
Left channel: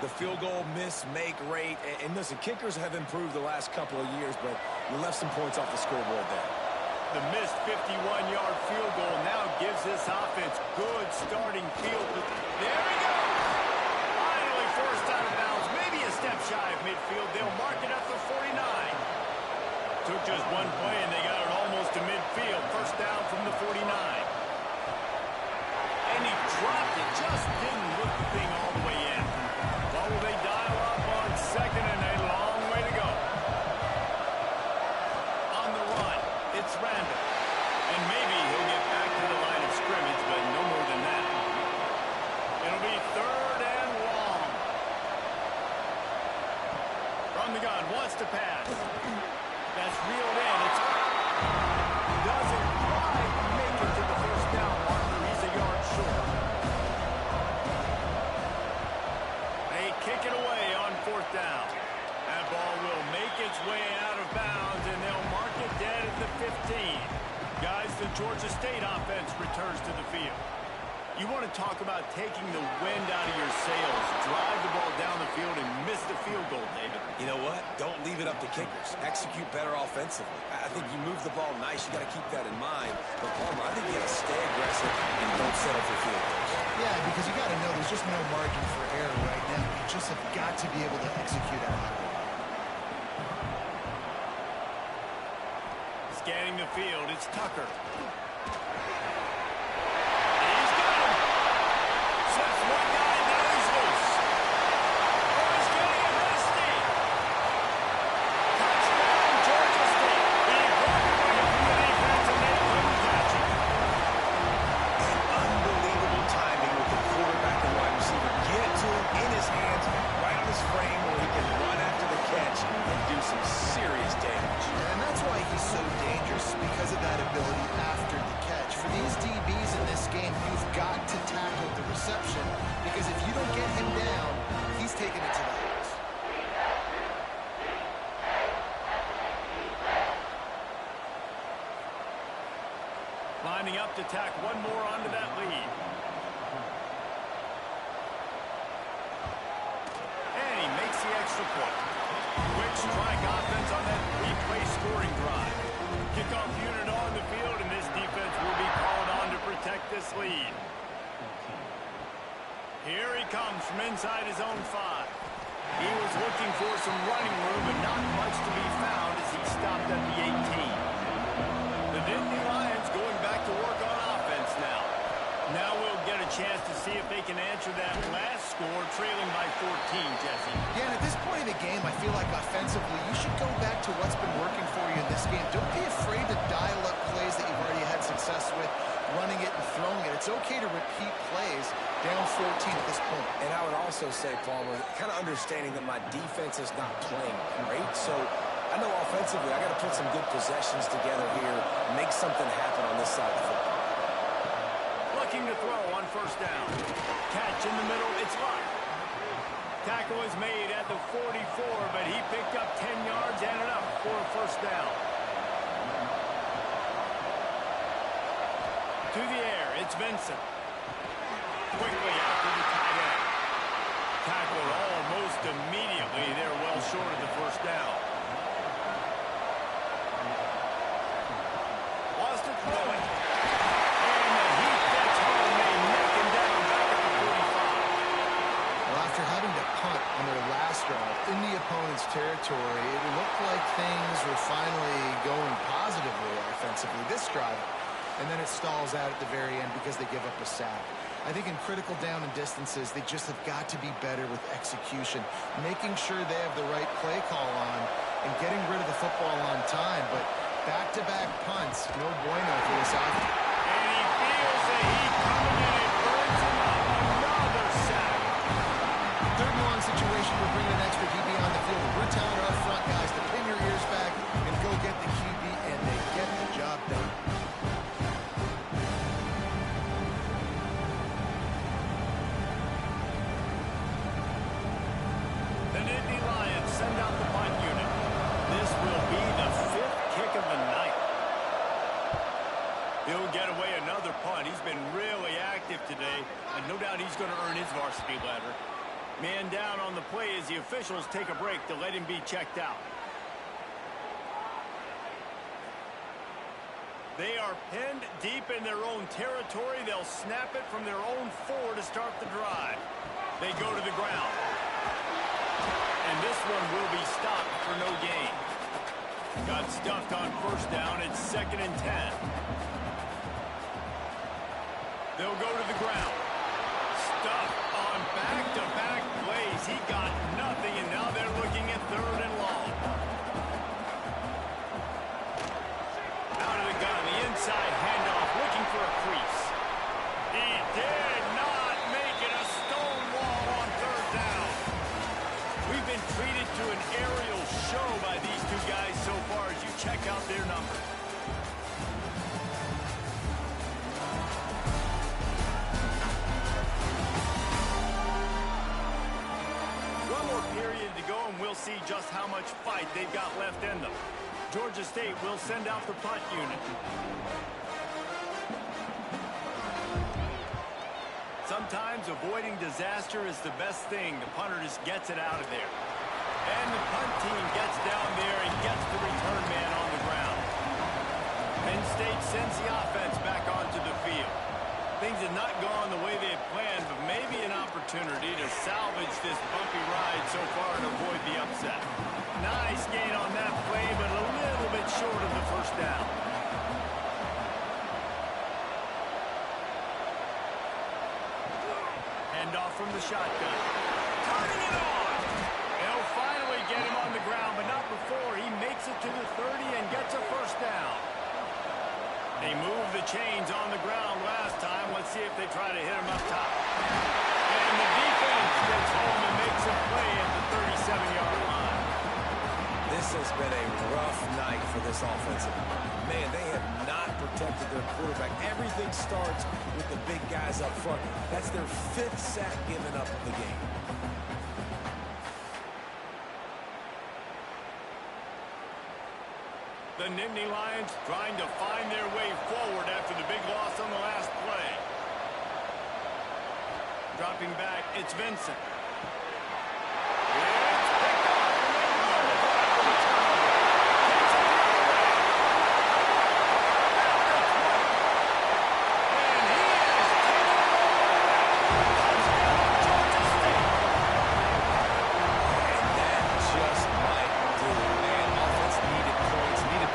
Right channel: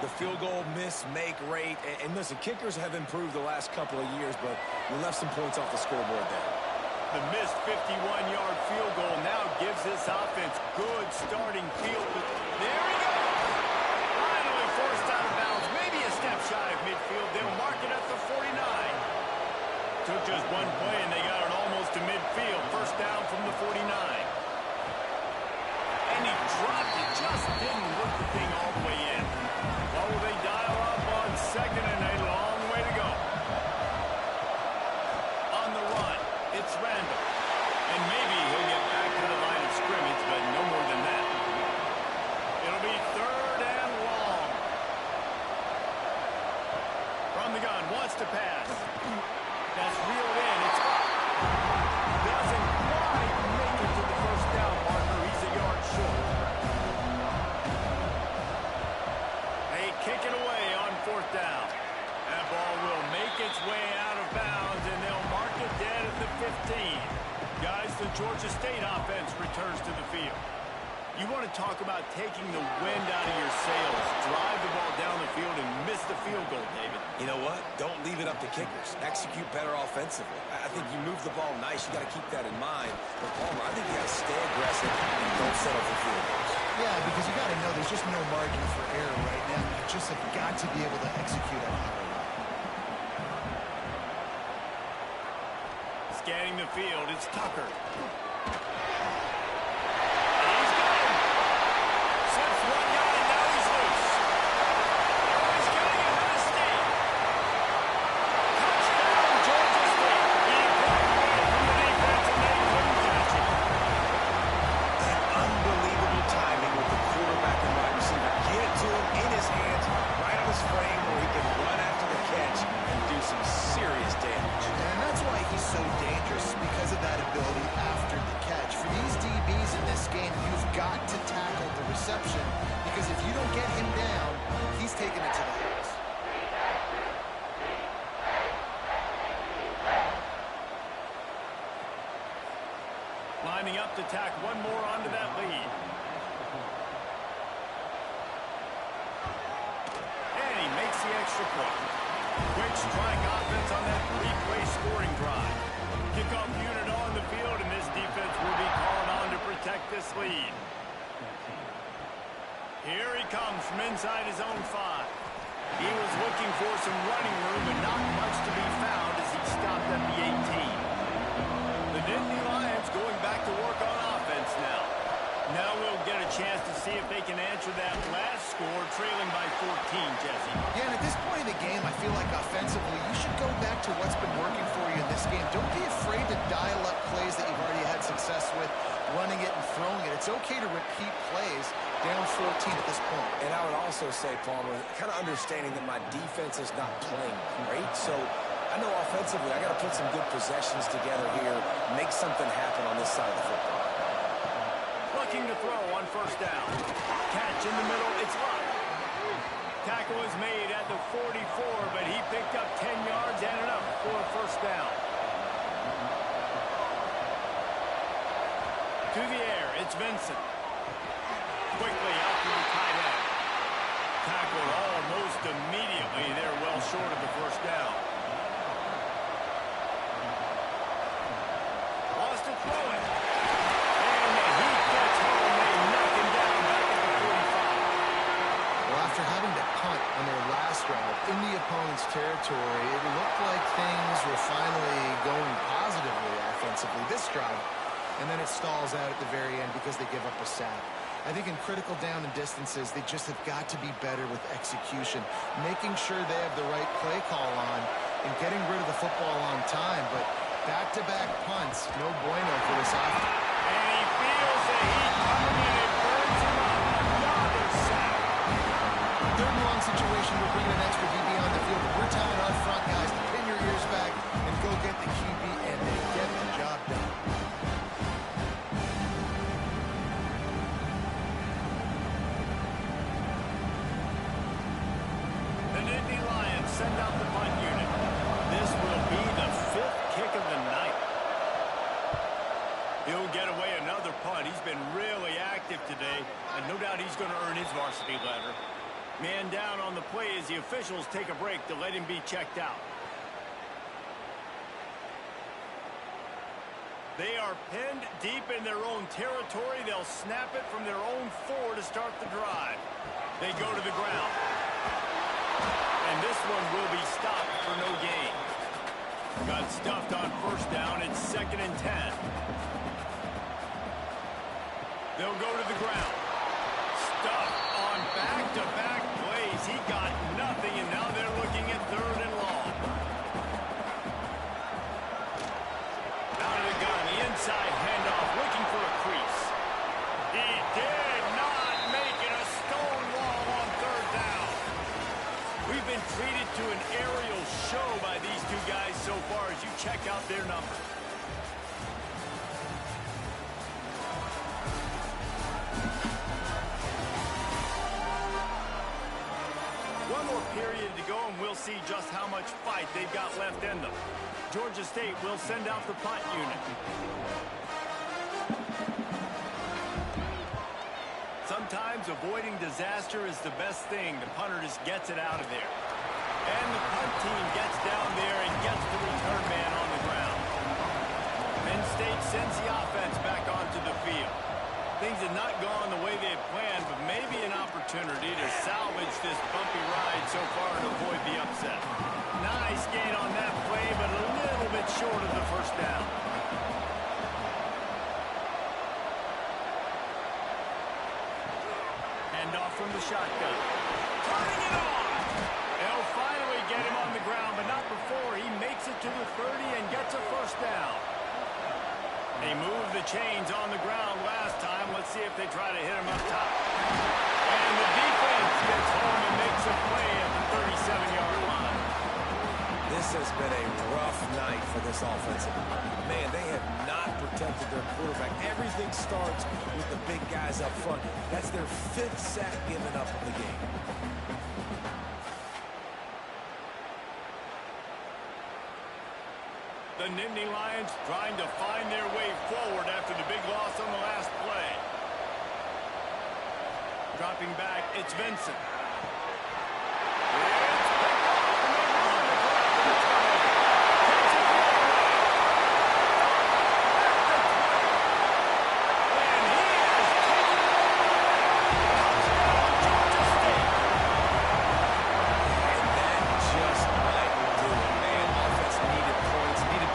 the field goal miss-make rate. And listen, kickers have improved the last couple of years, but you left some points off the scoreboard there. The missed 51-yard field goal now gives this offense good starting field. There he goes. Finally forced out of bounds. Maybe a step shy of midfield. They'll mark it at the 49. Took just one play, and they got it almost to midfield. First down from the 49. And he dropped it. Just didn't look the thing all the way in. What will they dial up on second and a long way to go? On the run, it's Randall. And maybe he'll get back to the line of scrimmage, but no more than that. It'll be third and long. From the gun, wants to pass. That's reeled in. It's doesn't quite make it to the first down marker. He's a yard short. They kick it away on fourth down. That ball will make its way out of bounds, and they'll mark it dead at the 15. Guys, the Georgia State offense returns to the field. You want to talk about taking the wind out of your sails. Drive the ball down the field and miss the field goal, David. You know what? Don't leave it up to kickers. Execute better offensively. I think you move the ball nice. You got to keep that in mind. But, Palmer, I think you got to stay aggressive and don't settle for field goals. Yeah, because you got to know there's just no margin for error right now. You just have got to be able to execute at a higher level. Scanning the field, it's Tucker. Slips one guy, now he's loose. Oh, he's getting ahead of steam. Touchdown, Georgia State. He broke away from the defense, and they couldn't catch him. And unbelievable timing with the quarterback and wide receiver. Get it to him in his hands, right on his frame, where he can run after the catch and do some serious damage. And that's why he's so dangerous, because of that ability after the catch. For these DBs in this game, you've got to tackle the reception, because if you don't get him down, he's taking it to the house. Lining up to tack one more onto that lead. And he makes the extra point. Quick strike offense on that three-play scoring drive. Kickoff unit on the field, and this defense will be called on to protect this lead. Here he comes from inside his own 5. He was looking for some running room, but not much to be found as he stopped at the 18. The Dynasty Lions going back to work on offense now. Now we'll get a chance to see if they can answer that last score, trailing by 14, Jesse. Yeah, and at this point in the game, I feel like offensively, you should go back to what's been working for you in this game. Don't be afraid to dial up plays that you've already had success with, running it and throwing it. It's okay to repeat plays down 14 at this point. And I would also say, Palmer, kind of understanding that my defense is not playing great, so I know offensively I got to put some good possessions together here, make something happen on this side of the football. Looking to throw on first down. Catch in the middle, it's Luck. Tackle is made at the 44, but he picked up 10 yards and enough for a first down. To the air, it's Vincent. Quickly out to the tight end. Tackled almost immediately. They're well short of the first down. Wants to throw it. And the heat gets home. They knock him down back at the 45. Well, after having to punt on their last drive in the opponent's territory, it looked like things were finally going positively offensively this drive. And then it stalls out at the very end because they give up a sack. I think in critical down and distances, they just have got to be better with execution, making sure they have the right play call on and getting rid of the football on time. But back-to-back punts, no bueno for this offense. And he feels the heat coming in and burns him up. Another sack. Third and long situation, we're bringing an extra DB on the field. We're telling our front guys to pin your ears back and go get the QB, and they get the job done. The Dynasty Lions send out the punt unit. This will be the 5th kick of the night. He'll get away another punt. He's been really active today, and no doubt he's going to earn his varsity letter. Man down on the play as the officials take a break to let him be checked out. They are pinned deep in their own territory. They'll snap it from their own 4 to start the drive. They go to the ground. And this one will be stopped for no gain. Got stuffed on first down. It's 2nd and 10. They'll go to the ground. Stuffed on back-to-back plays. He got nothing, and now they're looking at 3rd and long. Out of the gun, the inside handoff, looking for a crease. He did not make it. A stone wall on 3rd down. We've been treated to an aerial show by these two guys so far as you check out their numbers. One more period to go, and we'll see just how much fight they've got left in them. Georgia State will send out the punt unit. Sometimes avoiding disaster is the best thing. The punter just gets it out of there. And the punt team gets down there and gets the return man on the ground. Penn State sends the offense back onto the field. Things have not gone the way they had planned, but maybe an opportunity to salvage this bumpy ride so far and avoid the upset. Nice gain on that play, but a little bit short of the first down. Handoff from the shotgun. Turning it on! They'll finally get him on the ground, but not before he makes it to the 30 and gets a first down. They moved the chains on the ground last time. Let's see if they try to hit him up top. And the defense gets home and makes a play at the 37-yard line. This has been a rough night for this offensive line. Man, they have not protected their quarterback. Everything starts with the big guys up front. That's their 5th sack given up of the game. The Nittany Lions trying to find their way forward after the big loss on the last play. Dropping back, it's Vincent. It's picked off, and they ruin the drive with a turnover. Takes it the other way. At the 20. And he has taken it all the way back. Touchdown, Georgia State. And that just might do it, man. Offense needed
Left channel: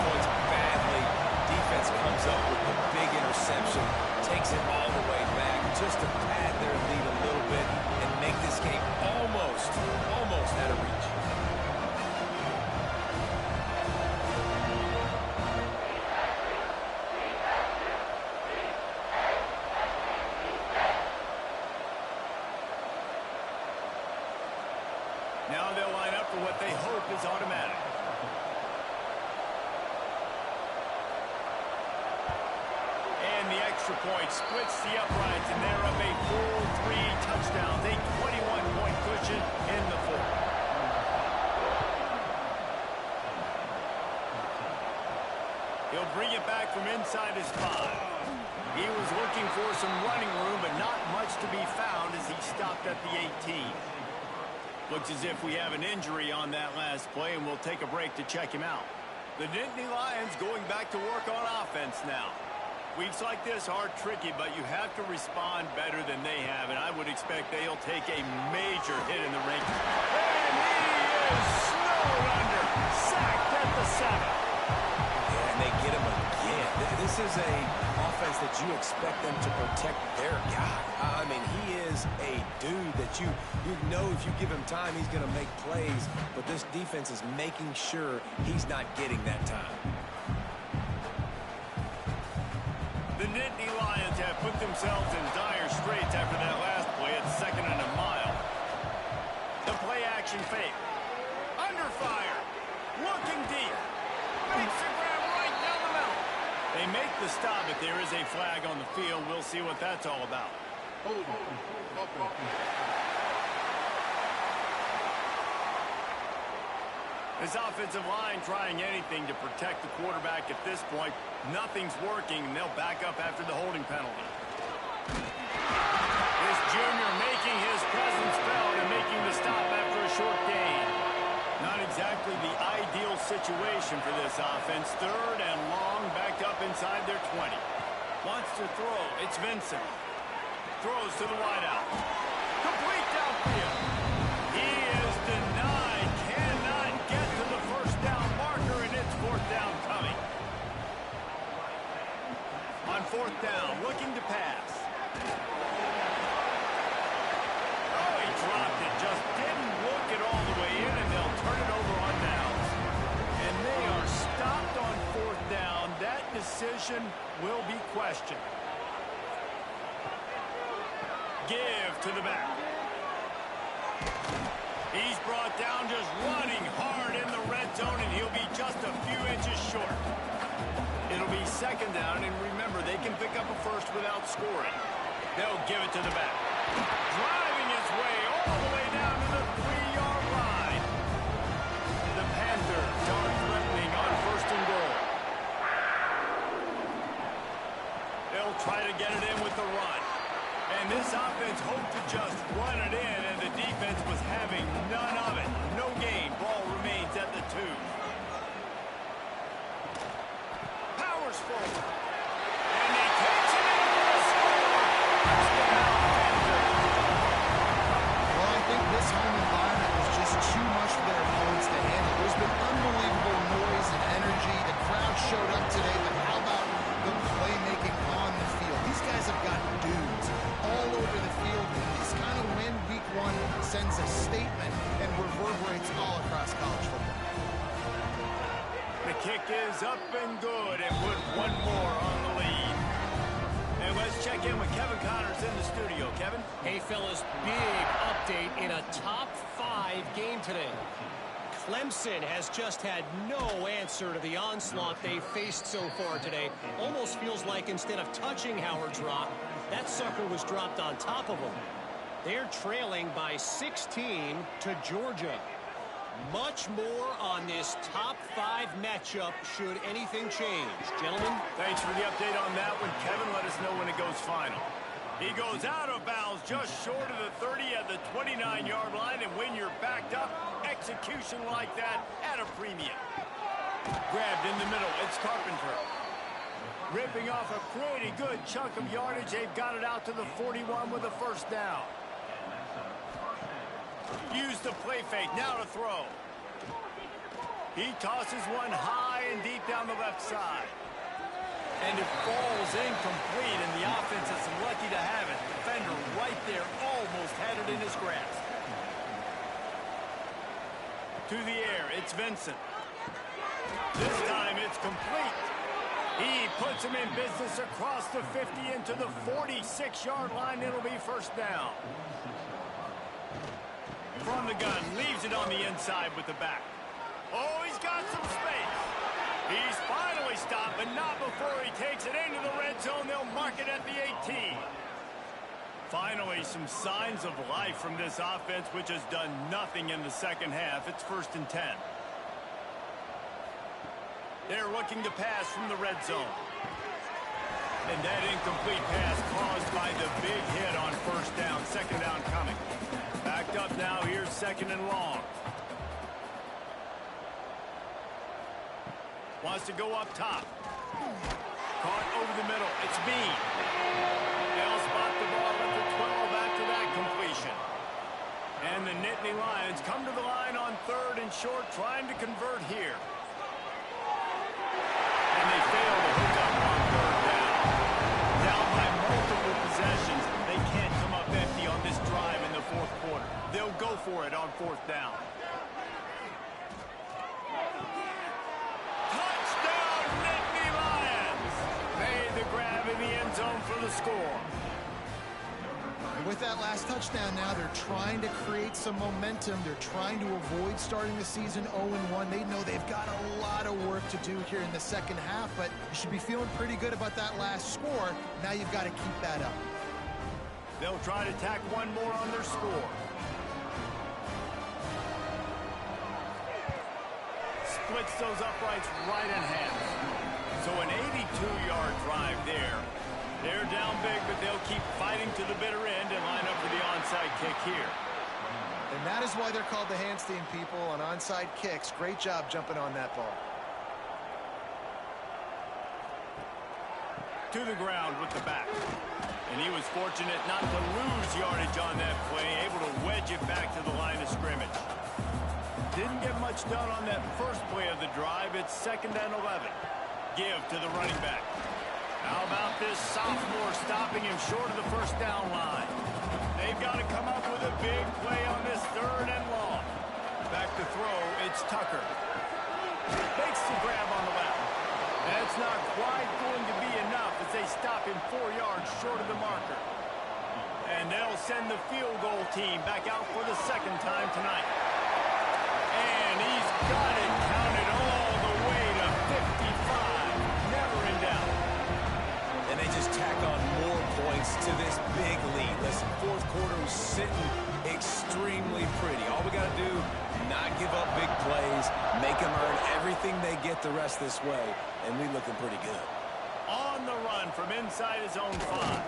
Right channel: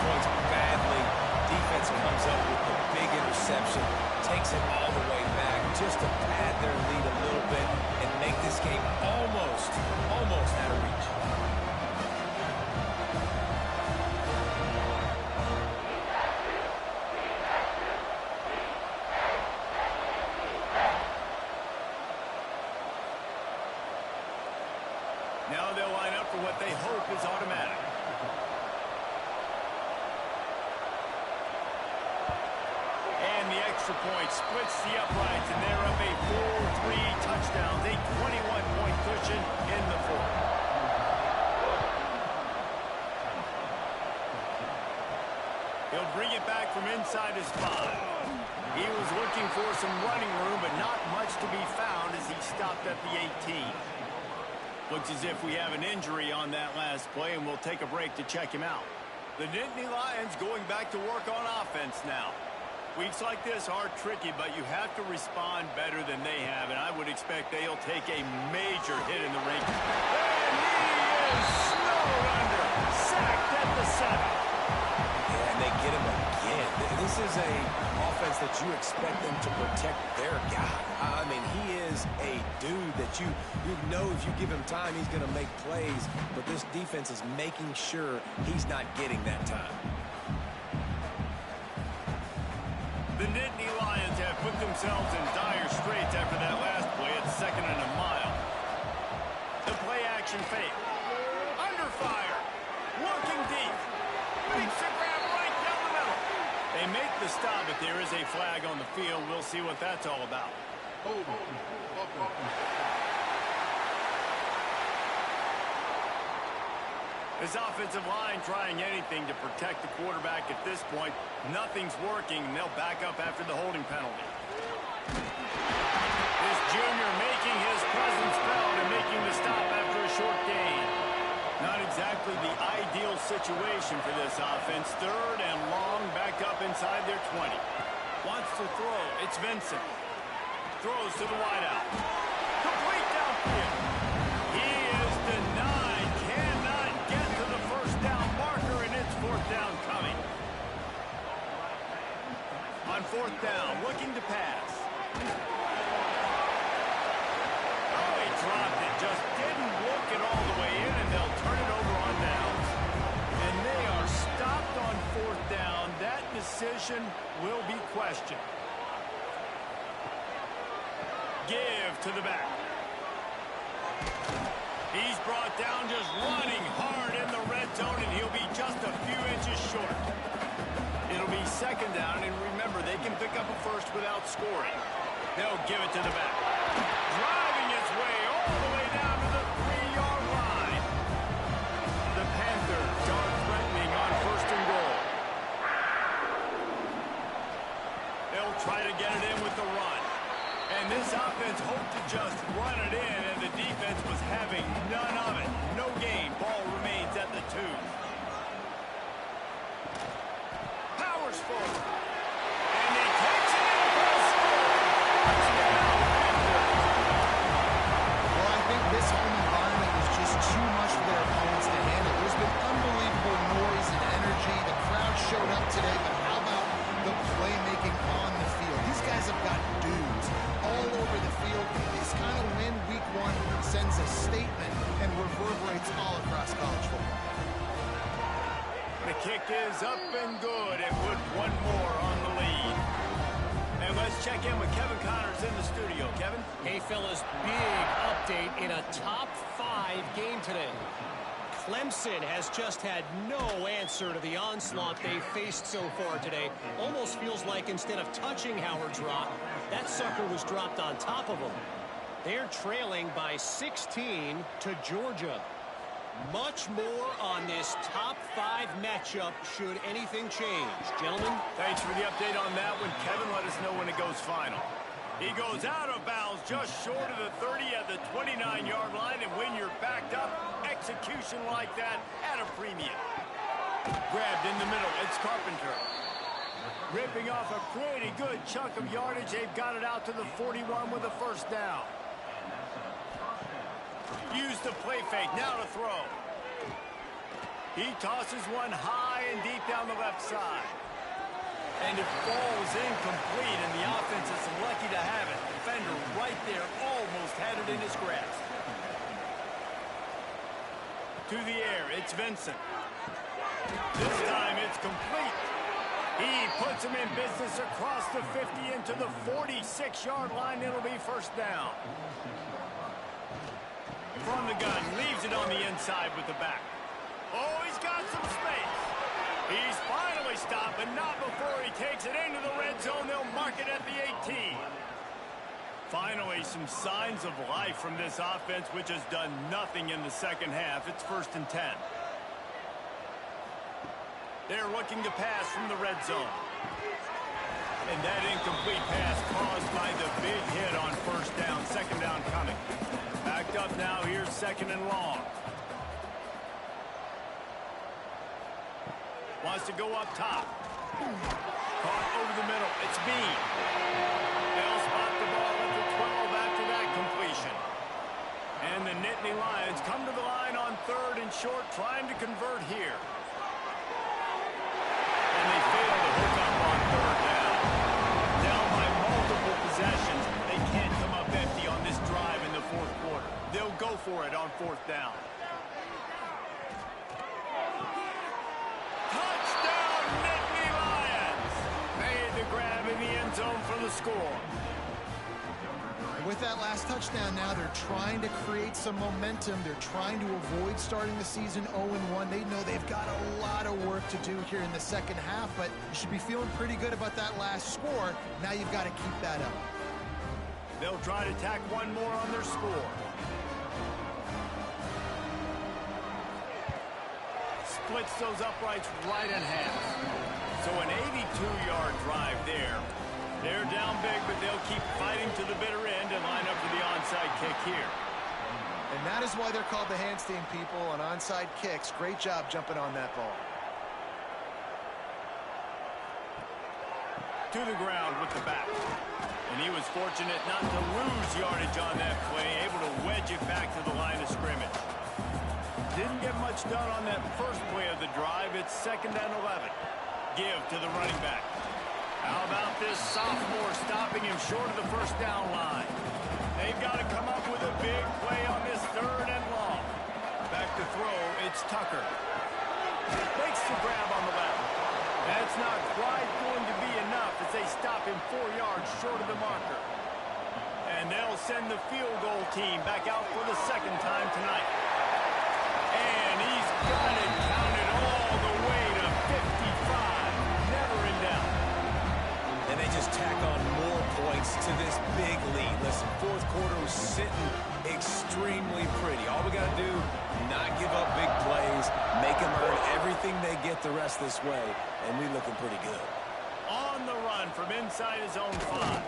points badly. Defense comes up with the big interception, takes it all the way back just to pad their lead a little bit and make this game almost out of reach. Now they'll line up for what they hope is automatic. And the extra point splits the uprights, and they're up a full 3 touchdowns, a 21-point cushion in the fourth. He'll bring it back from inside his 5. He was looking for some running room, but not much to be found as he stopped at the 18. Looks as if we have an injury on that last play, and we'll take a break to check him out. The Nittany Lions going back to work on offense now. Weeks like this are tricky, but you have to respond better than they have, and I would expect they'll take a major hit in the ring. And he is snowed under, sacked at the 7. Yeah, and they get him again. This is a offense that you expect them to protect their guy. I mean, he is a dude that you know if you give him time, he's going to make plays, but this defense is making sure he's not getting that time. The Nittany Lions have put themselves in dire straits after that last play at 2nd and a mile. The play action fake. Under fire. Looking deep. Makes the grab right down the middle. They make the stop, but there is a flag on the field. We'll see what that's all about. Hold on. This offensive line trying anything to protect the quarterback at this point. Nothing's working, and they'll back up after the holding penalty. This junior making his presence felt and making the stop after a short gain. Not exactly the ideal situation for this offense. 3rd and long, back up inside their 20. Wants to throw. It's Vincent. Throws to the wideout. Complete downfield. He is denied. Cannot get to the first down marker, and it's 4th down coming. On 4th down, looking to pass. Oh, he dropped it. Just didn't look it all the way in, and they'll turn it over on downs. And they are stopped on 4th down. That decision will be questioned. Give to the back. He's brought down just running hard in the red zone, and he'll be just a few inches short. It'll be 2nd down, and remember, they can pick up a first without scoring. They'll give it to the back. Driving his way all the way down to the 3-yard line. The Panthers are threatening on 1st and goal. They'll try to get it in with the run. And this offense hoped to just run it in, and the defense was having none of it. No gain. Ball remains at the 2. Powers forward. And he takes it in for a score. Touchdown, Panthers. Well, I think this home environment was just too much for their opponents to handle. There's been unbelievable noise and energy. The crowd showed up today, but how about the playmaking on the field? These guys have got dudes all over the field. This kind of win week 1 sends a statement and reverberates all across college football. The kick is up and good, and put one more on the lead. And let's check in with Kevin Connors in the studio. Kevin? Hey, fellas, big update in a top 5 game today. Clemson has just had no answer to the onslaught they faced so far today. Almost feels like instead of touching Howard's Rock, that sucker was dropped on top of them. They're trailing by 16 to Georgia. Much more on this top 5 matchup should anything change. Gentlemen? Thanks for the update on that one. Kevin, let us know when it goes final. He goes out of bounds just short of the 30 at the 29-yard line, and when you're backed up, execution like that at a premium. Grabbed in the middle, it's Carpenter. Ripping off a pretty good chunk of yardage. They've got it out to the 41 with a first down. Use the play fake, now to throw. He tosses one high and deep down the left side. And it falls incomplete, and the offense is lucky to have it. Defender right there almost had it in his grasp. To the air, it's Vincent. This time it's complete. He puts him in business across the 50 into the 46-yard line. It'll be first down. From the gun, leaves it on the inside with the back. Oh, he's got some space. He's finally stopped, but not before he takes it into the red zone. They'll mark it at the 18. Finally, some signs of life from this offense, which has done nothing in the second half. It's 1st and 10. They're looking to pass from the red zone. And that incomplete pass caused by the big hit on first down. Second down coming. Backed up now. Here's 2nd and long. Wants to go up top. Caught over the middle. It's Bean. They'll spot the ball at the 12 after that completion. And the Nittany Lions come to the line on 3rd and short, trying to convert here. And they fail to hook up on 3rd down. Down by multiple possessions. They can't come up empty on this drive in the 4th quarter. They'll go for it on 4th down. Touchdown, Nittany Lions! Made the grab in the end zone for the score. With that last touchdown now, they're trying to create some momentum. They're trying to avoid starting the season 0-1. They know they've got a lot of work to do here in the second half, but you should be feeling pretty good about that last score. Now you've got to keep that up. They'll try to tack one more on their score. Splits those uprights right in half. So an 82-yard drive there. They're down big, but they'll keep fighting to the bitter end and line up for the onside kick here. And that is why they're called the Handstein people on onside kicks. Great job jumping on that ball. To the ground with the back. And he was fortunate not to lose yardage on that play, able to wedge it back to the line of scrimmage. Didn't get much done on that first play of the drive. It's 2nd and 11. Give to the running back. How about this sophomore stopping him short of the first down line? They've got to come up with a big play on this 3rd and long. Back to throw, it's Tucker. Makes the grab on the left. That's not quite going to be enough as they stop him 4 yards short of the marker. And they'll send the field goal team back out for the 2nd time tonight. And he's got it counted all the way to 55. Never in doubt. And they just tack on more points to this big lead. Listen, 4th quarter was sitting extremely pretty. All we got to do, not give up big plays, make them earn everything they get the rest this way, and we're looking pretty good. On the run from inside his own 5.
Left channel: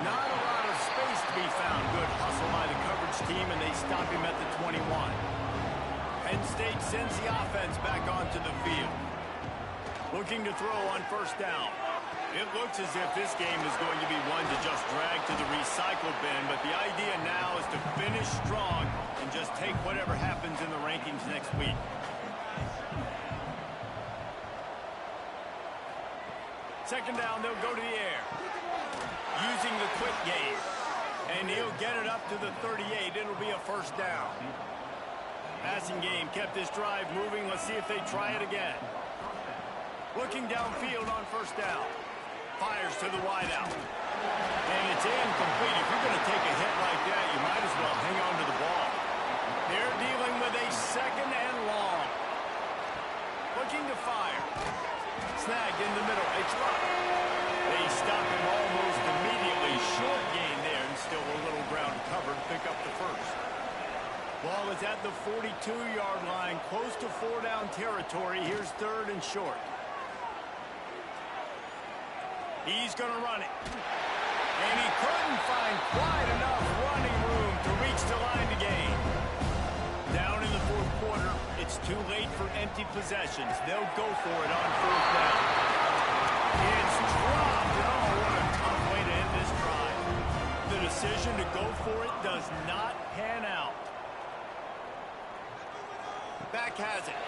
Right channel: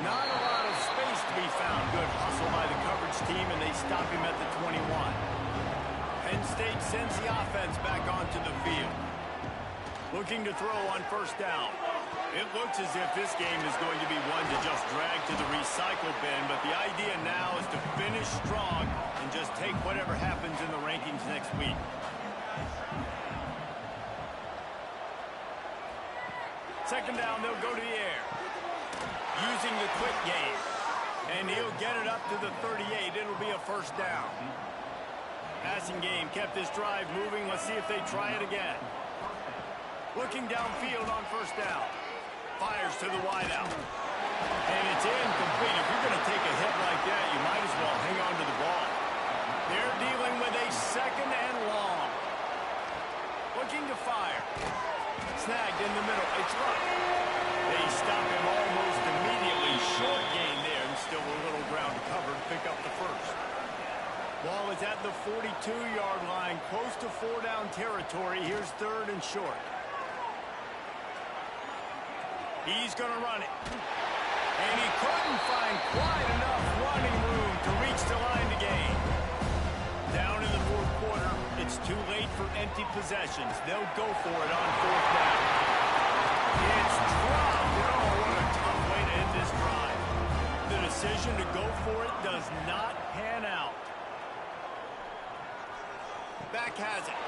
Not a lot of space to be found. Good hustle by the coverage team, and they stop him at the 21. Penn State sends the offense back onto the field. Looking to throw on first down. It looks as if this game is going to be one to just drag to the recycle bin, but the idea now is to finish strong and just take whatever happens in the rankings next week. Second down, they'll go to the air. Using the quick game. And he'll get it up to the 38. It'll be a first down. Passing game kept this drive moving. Let's see if they try it again. Looking downfield on first down. Fires to the wideout. And it's incomplete. If you're going to take a hit like that, you might as well hang on to the ball. They're dealing with a 2nd and long. Looking to fire. Snagged in the middle. It's Luck. They stop him almost immediately. Short gain there, and still a little ground covered. Pick up the first. Ball is at at the 42-yard line, close to 4-down territory. Here's 3rd and short. He's going to run it. And he couldn't find quite enough running room to reach the line to gain. Down in the 4th quarter, it's too late for empty possessions. They'll go for it on 4th down. It's dropped, and oh, what a tough way to end this drive. The decision to go for it does not pan out. Back has it.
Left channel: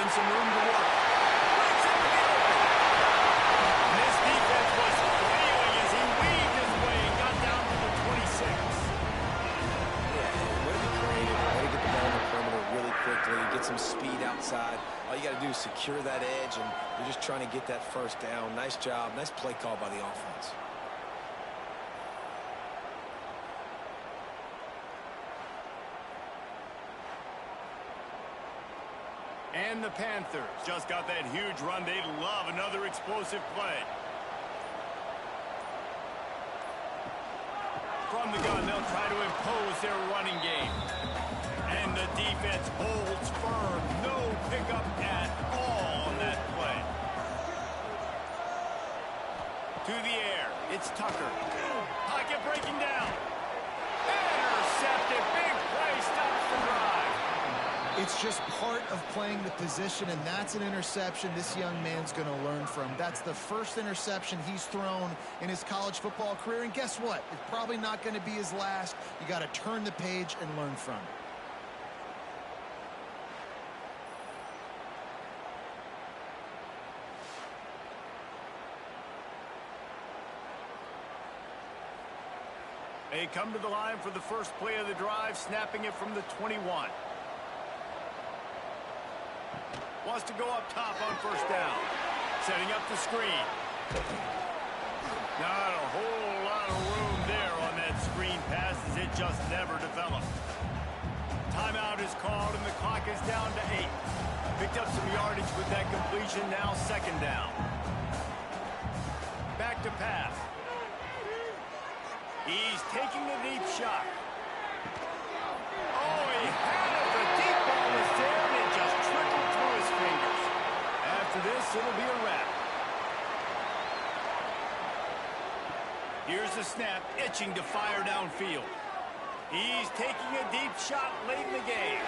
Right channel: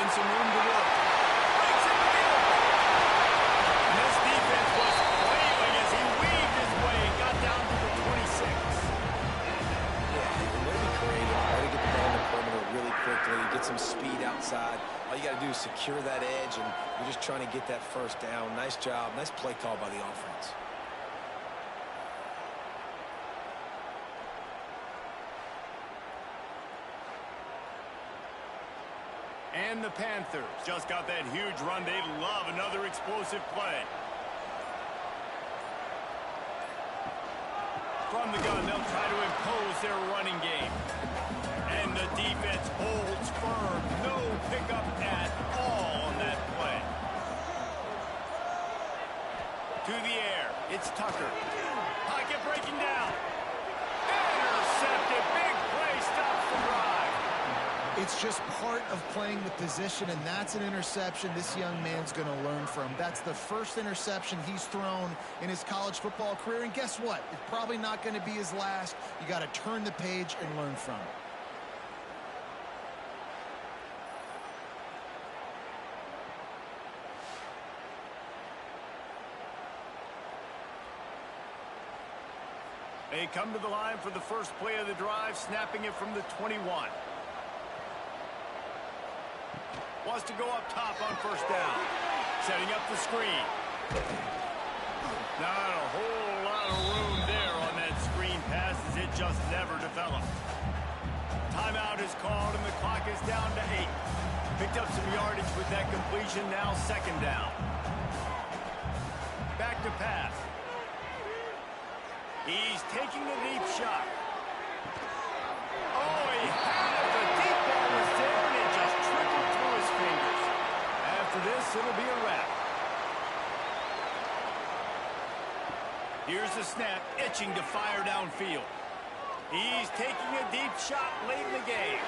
And some room to work. Breaks into the open. And this defense was flailing as he weaved his way and got down to the 26. Yeah, way to be creative. Way to get the ball on the perimeter really quickly. Get some speed outside. All you got to do is secure that edge, and you're just trying to get that 1st down. Nice job. Nice play call by the offense. And the Panthers just got that huge run. They love another explosive play. From the gun, they'll try to impose their running game. And the defense holds firm. No pickup at all on that play. To the air. It's Tucker. Pocket breaking down. Intercepted. Big play stops the drive. It's just part of playing the position, and that's an interception this young man's going to learn from. That's the first interception he's thrown in his college football career, and guess what? It's probably not going to be his last. You got to turn the page and learn from it. They come to the line for the first play of the drive, snapping it from the 21. Wants to go up top on 1st down. Setting up the screen. Not a whole lot of room there on that screen pass as it just never developed. Timeout is called and the clock is down to 8. Picked up some yardage with that completion, now 2nd down. Back to pass. He's taking a deep shot. Oh, he had it. The deep ball was there, and it just trickled through his fingers. After this, it'll be a wrap. Here's the snap, itching to fire downfield. He's taking a deep shot late in the game.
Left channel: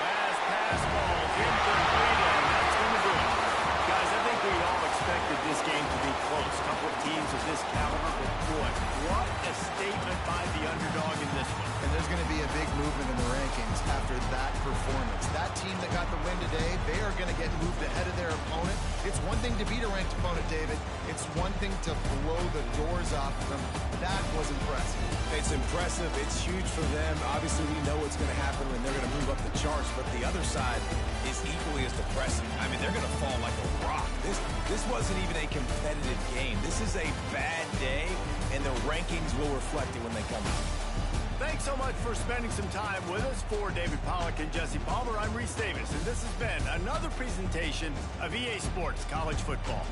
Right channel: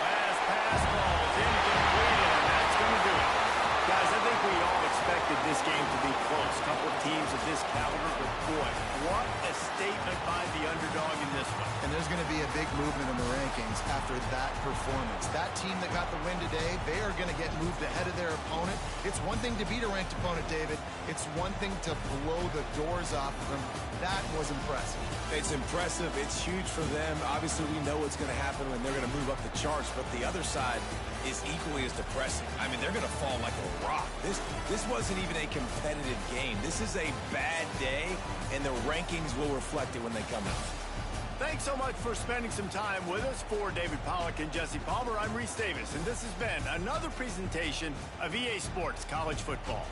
Last pass ball's incomplete, and that's going to do it. Guys, I think we all expected this game to be close. A couple of teams of this caliber, but boy, what a statement by the underdog in this one. And there's going to be a big movement in the rankings after that performance. That team that got the win today, they are going to get moved ahead of their opponent. It's one thing to beat a ranked opponent, David. It's one thing to blow the doors off of them. That was impressive. It's impressive. It's huge for them. Obviously, we know what's going to happen when they're going to move up the charts, but the other side is equally as depressing. I mean, they're going to fall like a rock. This wasn't even a competitive game. This is a bad day, and the rankings will reflect it when they come out. Thanks so much for spending some time with us. For David Pollack and Jesse Palmer, I'm Reese Davis, and this has been another presentation of EA Sports College Football.